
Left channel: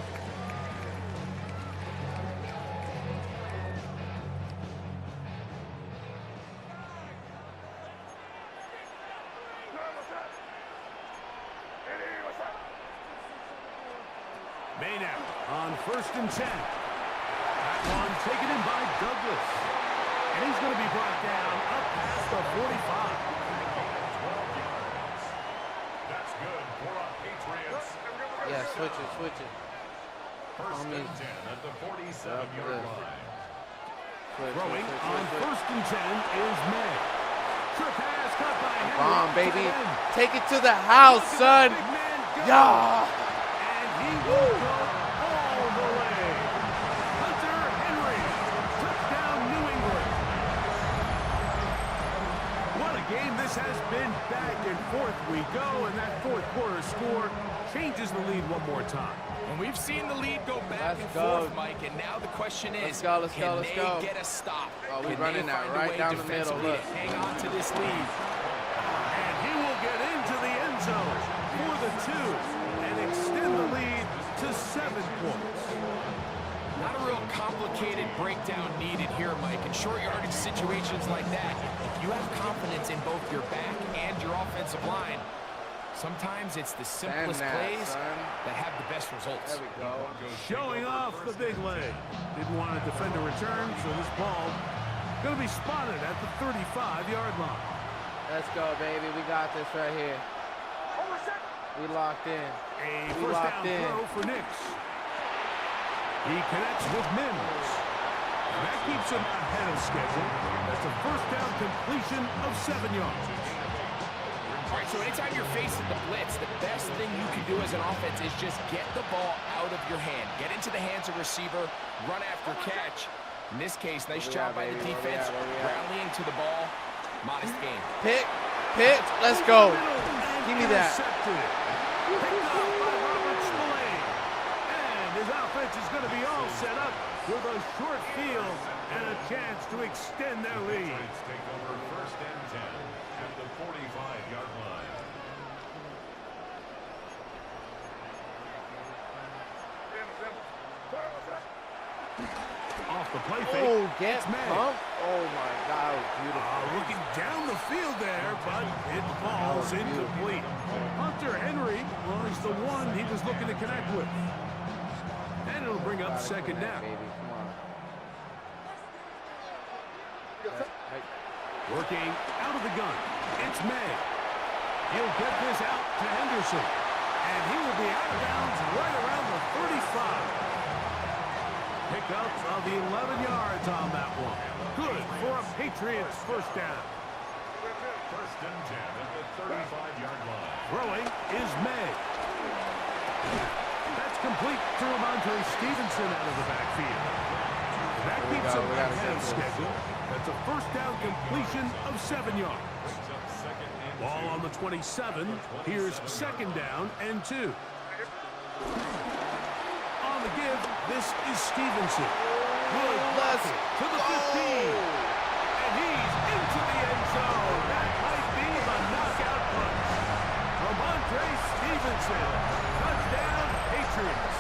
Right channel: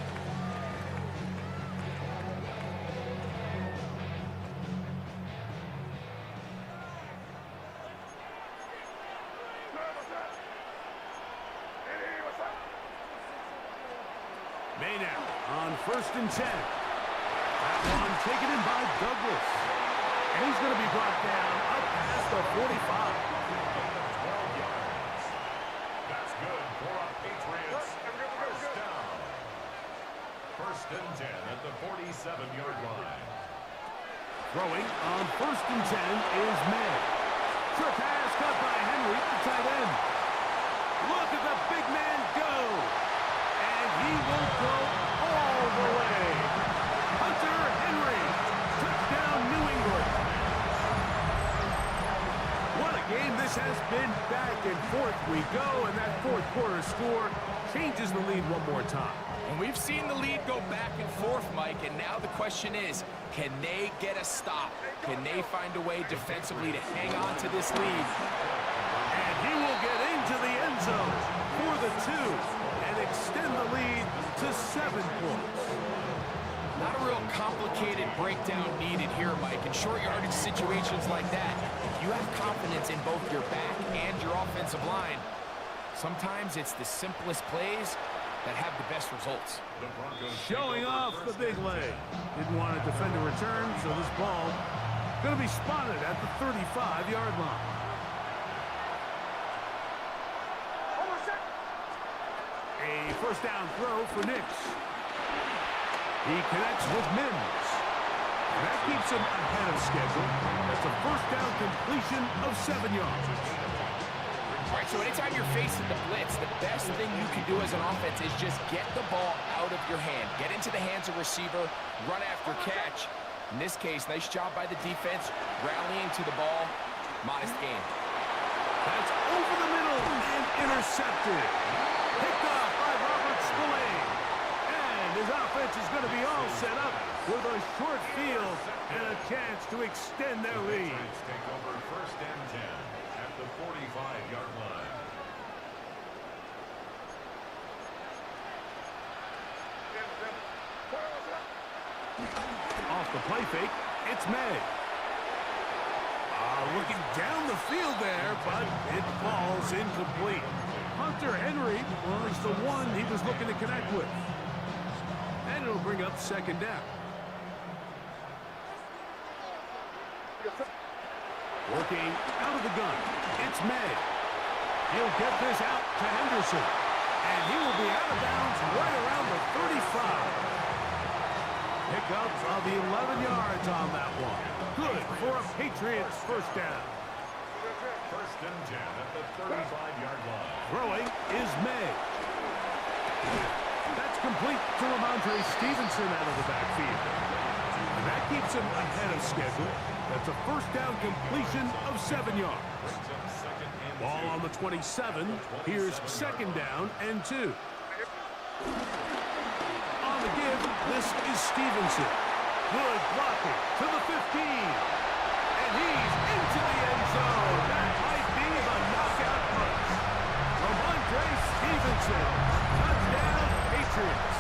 Maynard on 1st and 10. That one taken in by Douglas. And he's going to be brought down up past the 45. That's good for our Patriots. Switch it. 1st and 10 at the 47-yard line. Throwing on 1st and 10 is May. Short pass cut by Henry. Come on, baby. Tight end. Take it to the house, Look son. at the big man go. Yeah. And he will go all the way. Hunter Henry. Touchdown, New England. What a game this has been. Back and forth we go, and that fourth quarter score changes the lead one more time. And we've seen the lead go back and forth, Mike, and now the question is, can they get a stop? Can they find a way defensively to hang on to this lead? And he will get into the end zone for the 2 and extend the lead to 7 points. Not a real complicated breakdown needed here, Mike. In short yardage situations like that, if you have confidence in both your back and your offensive line, sometimes it's the simplest plays that have the best results. Showing off the big leg. Didn't want to defend a return, so this ball going to be spotted at the 35-yard line. Let's go, baby. We got this right here. We locked in. A first down throw for Nix. He connects with Mims. And that keeps him ahead of schedule. That's a first down completion of 7 yards. All right, so anytime you're facing the blitz, the best thing you can do as an offense is just get the ball out of your hand. Get into the hands of receiver, run after catch. In this case, nice job by the defense, rallying to the ball. Modest game. Pitch, let's go. And intercepted. Picked off by Robert Spillane. And his offense is going to be all set up with a short field and a chance to extend their lead. Take over 1st and 10 at the 45-yard line. Off the play fake, it's May. Oh, my God. Looking down the field there, but it falls incomplete. Hunter Henry was the one he was looking to connect with. And it'll bring up 2nd down. Working out of the gun, it's May. He'll get this out to Henderson. And he will be out of bounds right around the 35. Pickup of 11 yards on that one. Good for a Patriots first down. 1st and 10 at the 35-yard line. Throwing is May. That's complete to Ramondre Stevenson out of the backfield. And that keeps him ahead of schedule. That's a first down completion of 7 yards. Ball on the 27. Here's 2nd down and 2. On the give, this is Stevenson. Good blocking to the 15. And he's into the end zone. That might be the knockout punch. Ramondre Stevenson. Touchdown, Patriots.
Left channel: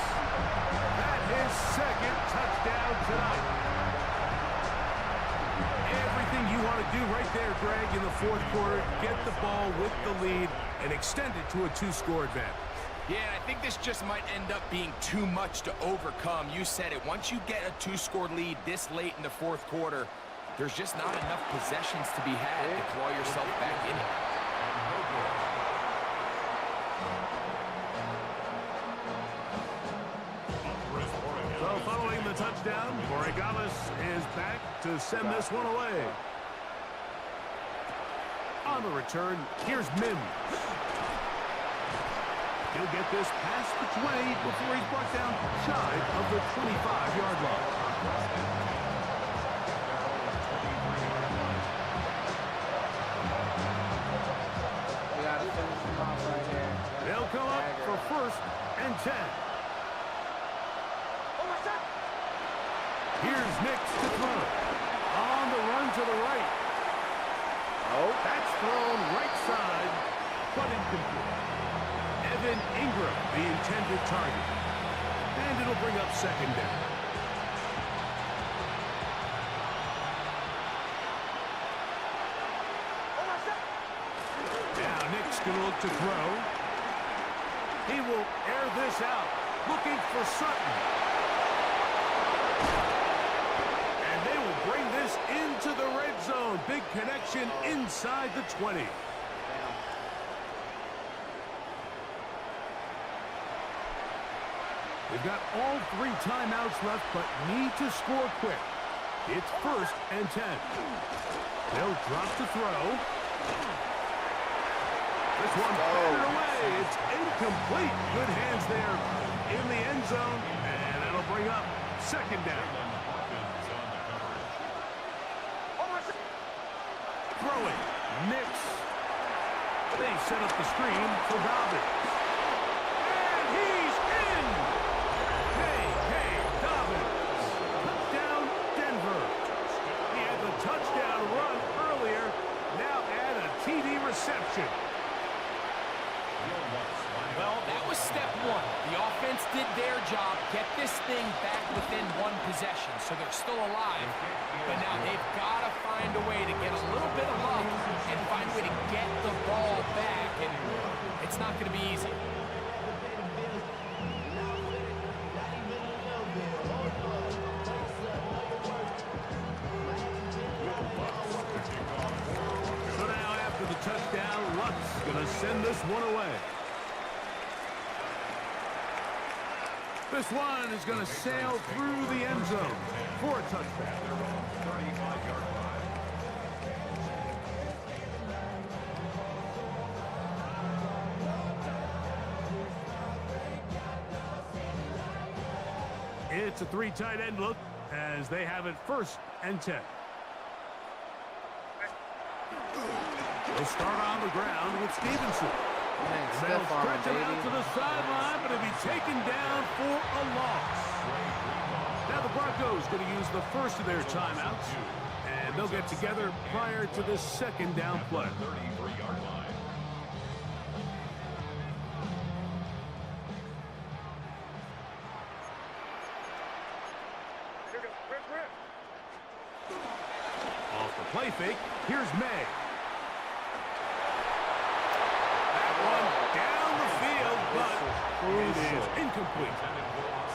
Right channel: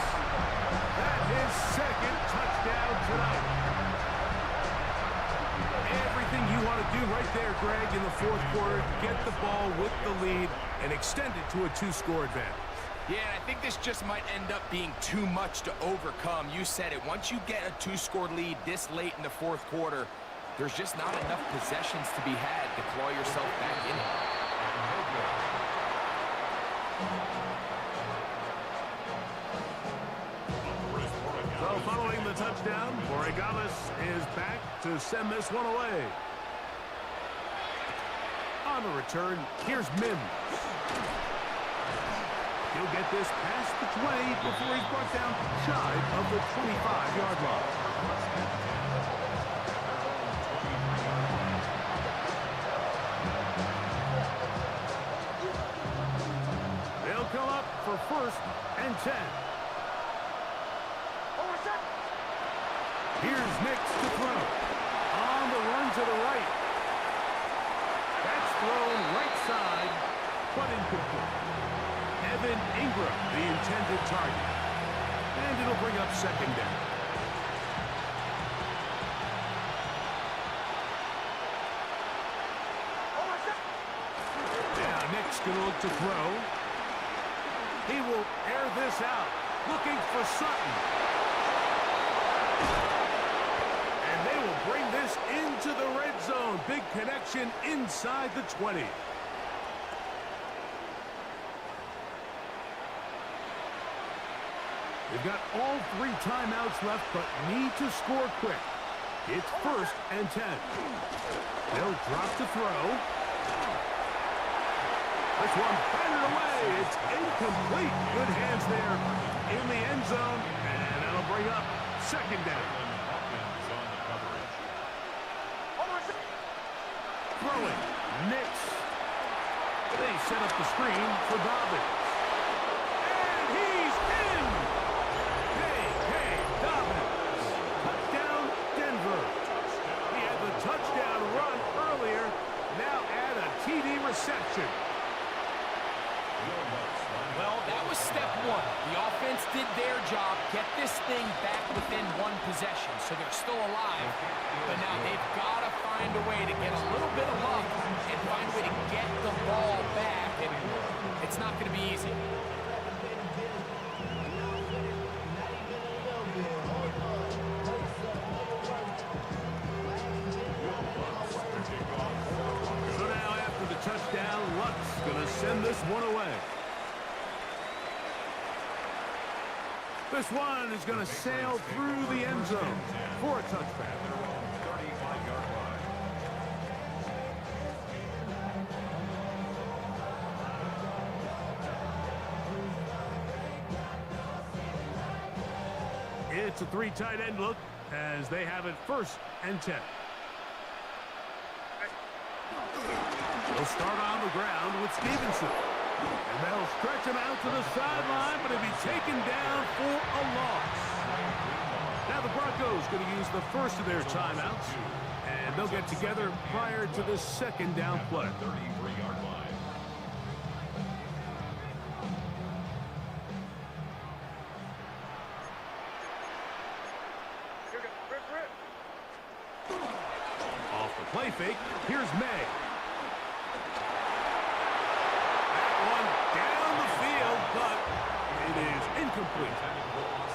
That's his 2nd touchdown tonight. Everything you want to do right there, Greg, in the fourth quarter. Get the ball with the lead and extend it to a 2-score advantage. Yeah, I think this just might end up being too much to overcome. You said it. Once you get a 2-score lead this late in the fourth quarter, there's just not enough possessions to be had to claw yourself back in it. So following the touchdown, Borregales is back to send this one away. On the return, here's Mims. He'll get this past the 20 before he's brought down shy of the 25-yard line. They'll come up for 1st and 10. Here's Nix to throw. On the run to the right. That's thrown right side, but incomplete. Evan Ingram, the intended target. And it'll bring up 2nd down. Now Nick's going to look to throw. He will air this out. looking for Sutton. And they will bring this into the red zone. Big connection inside the 20. They've got all 3 timeouts left, but need to score quick. It's 1st and 10. They'll drop to throw. This one batted away. It's incomplete. Good hands there in the end zone, and that'll bring up 2nd down. Throwing, Nix. They set up the screen for Dobbins. And he's in! Hey, Dobbins. Touchdown, Denver. He had the touchdown run earlier. Now add a TD reception. Well, that was step 1. The offense did their job, get this thing back within 1 possession, so they're still alive. But now they've got to find a way to get a little bit of luck and find a way to get the ball back, and it's not going to be easy. So now after the touchdown, Luck's going to send this one away. This one is going to sail through the end zone for a touchback. 35-yard line. It's a 3 tight end look as they have it 1st and 10. They'll start on the ground with Stevenson. And they'll stretch him out to the sideline, but he'll be taken down for a loss. Now the Broncos going to use the first of their timeouts, and they'll get together prior to this 2nd down play. 33-yard line. Off the play fake, here's May. One down the field, but it is incomplete.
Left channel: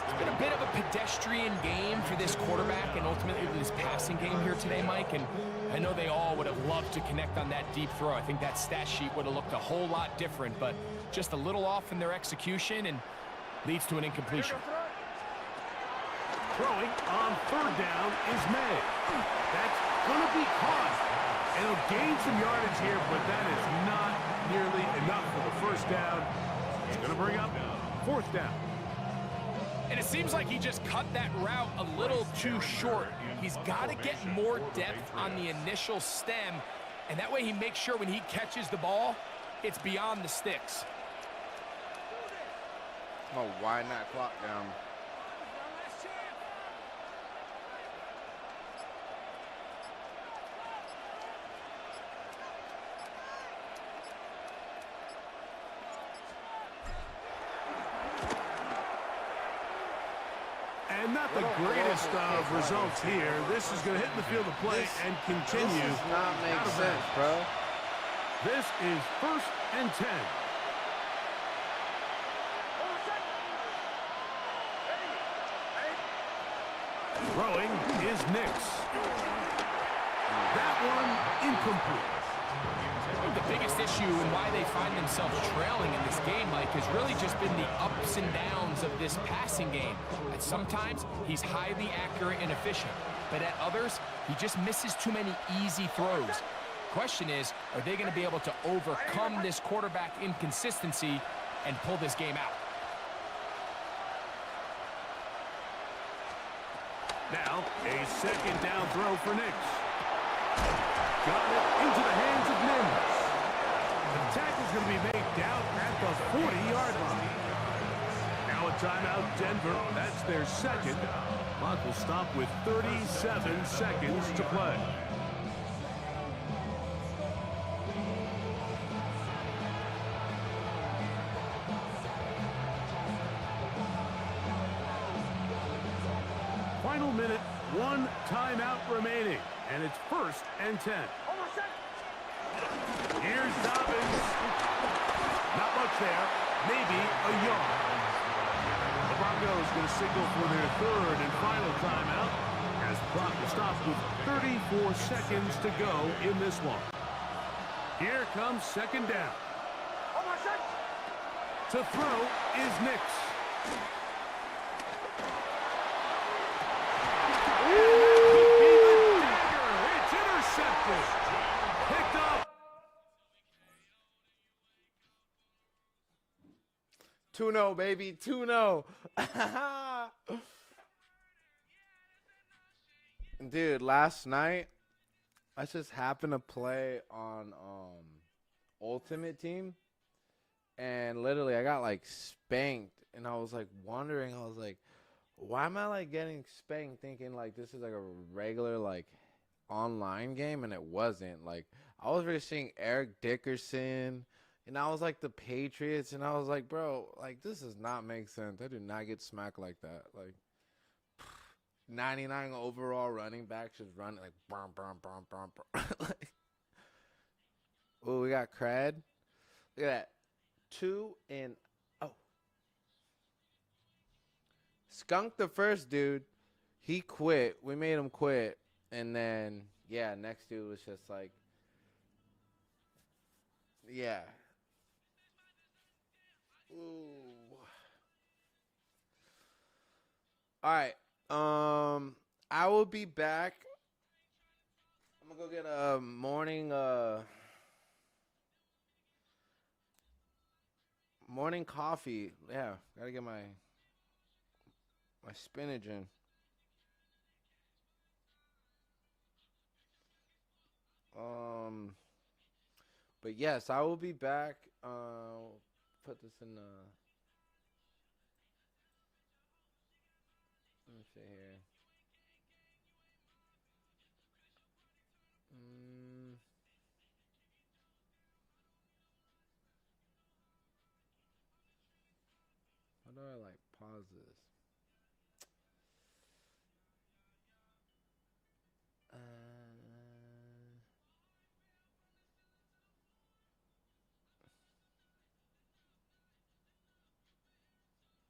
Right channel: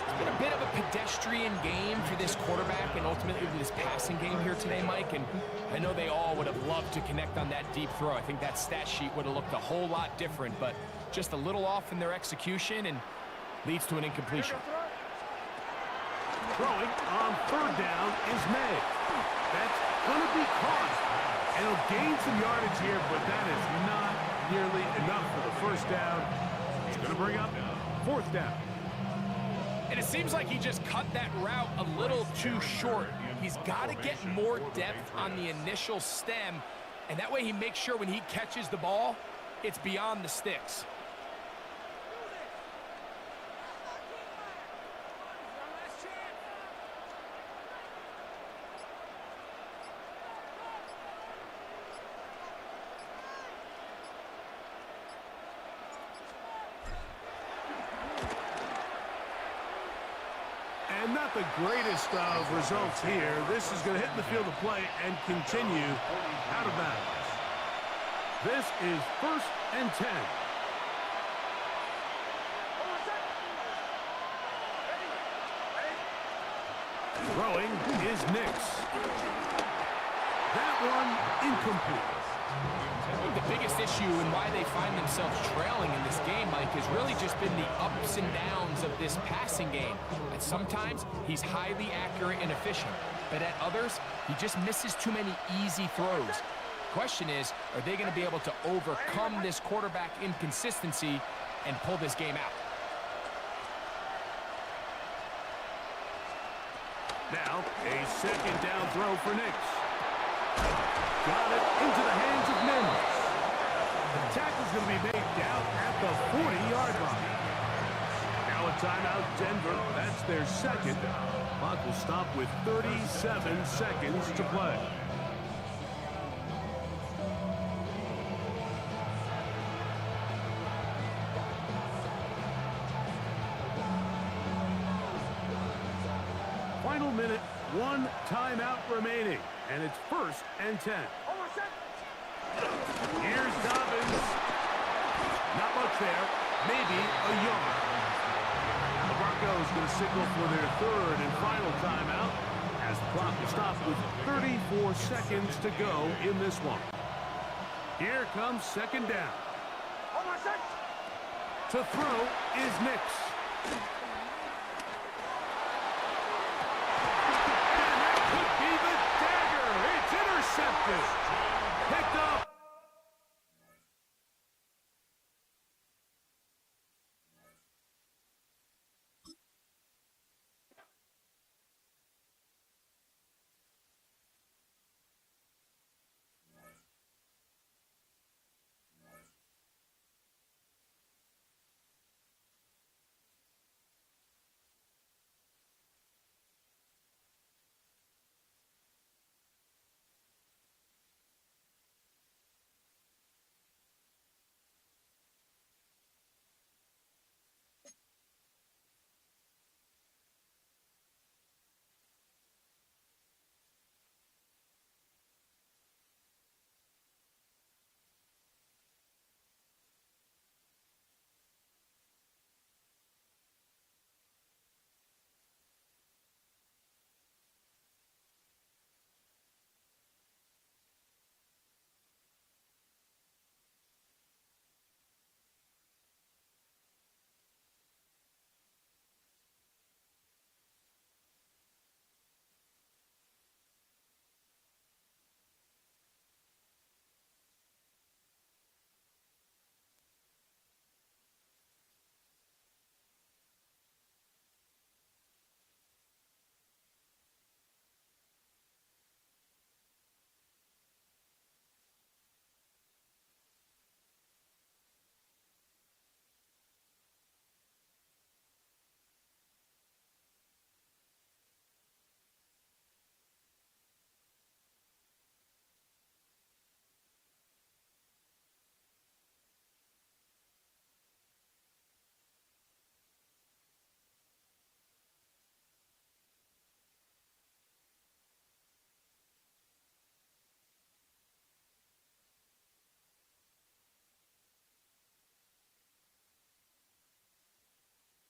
It's been a bit of a pedestrian game for this quarterback and ultimately this passing game here today, Mike, and I know they all would have loved to connect on that deep throw. I think that stat sheet would have looked a whole lot different, but just a little off in their execution and leads to an incompletion. Throwing on 3rd down is May. That's going to be caught, and he'll gain some yardage here, but that is not nearly enough for the 1st down. It's going to bring up 4th down. And it seems like he just cut that route a little too short. He's got to get more depth on the initial stem, and that way he makes sure when he catches the ball, it's beyond the sticks. Oh, wind that clock down. And not the greatest of results here. This is going to hit in the field of play and continue out of bounds. This is 1st and 10. Throwing is Nix. That one incomplete. I think the biggest issue and why they find themselves trailing in this game, Mike, has really just been the ups and downs of this passing game. At sometimes, he's highly accurate and efficient, but at others, he just misses too many easy throws. Question is, are they going to be able to overcome this quarterback inconsistency and pull this game out? Now, a 2nd down throw for Nix. Got it into the hands of Mims. The tackle's going to be made down at the 40-yard line. Now a timeout, Denver. That's their 2nd. Clock will stop with 37 seconds to play. Final minute, 1 timeout remaining, and it's 1st and 10. Here's Dobbins. Not much there, maybe a yard. The Broncos going to signal for their third and final timeout as the clock will stop with 34 seconds to go in this one. Here comes second down. On my side. To throw is Nix. And that could be the dagger. It's intercepted. Picked up. 2-0, baby. 2-0. Dude, last night, I just happened to play on Ultimate Team. And literally, I got, like, spanked. And I was, like, wondering. I was like, why am I, like, getting spanked thinking, like, this is, like, a regular, like, online game? And it wasn't. Like, I was really seeing Eric Dickerson. And I was like the Patriots, and I was like, bro, like, this does not make sense. I did not get smacked like that. Like, 99 overall running backs just running like, brum, brum, brum, brum, brum. Like, oh, we got Crad. Look at that. 2-0. Skunk the first dude. He quit. We made him quit. And then, yeah, next dude was just like, yeah. Ooh. All right. I will be back. I'm gonna go get a morning coffee. Yeah, gotta get my spinach in. But yes, I will be back. Put this in the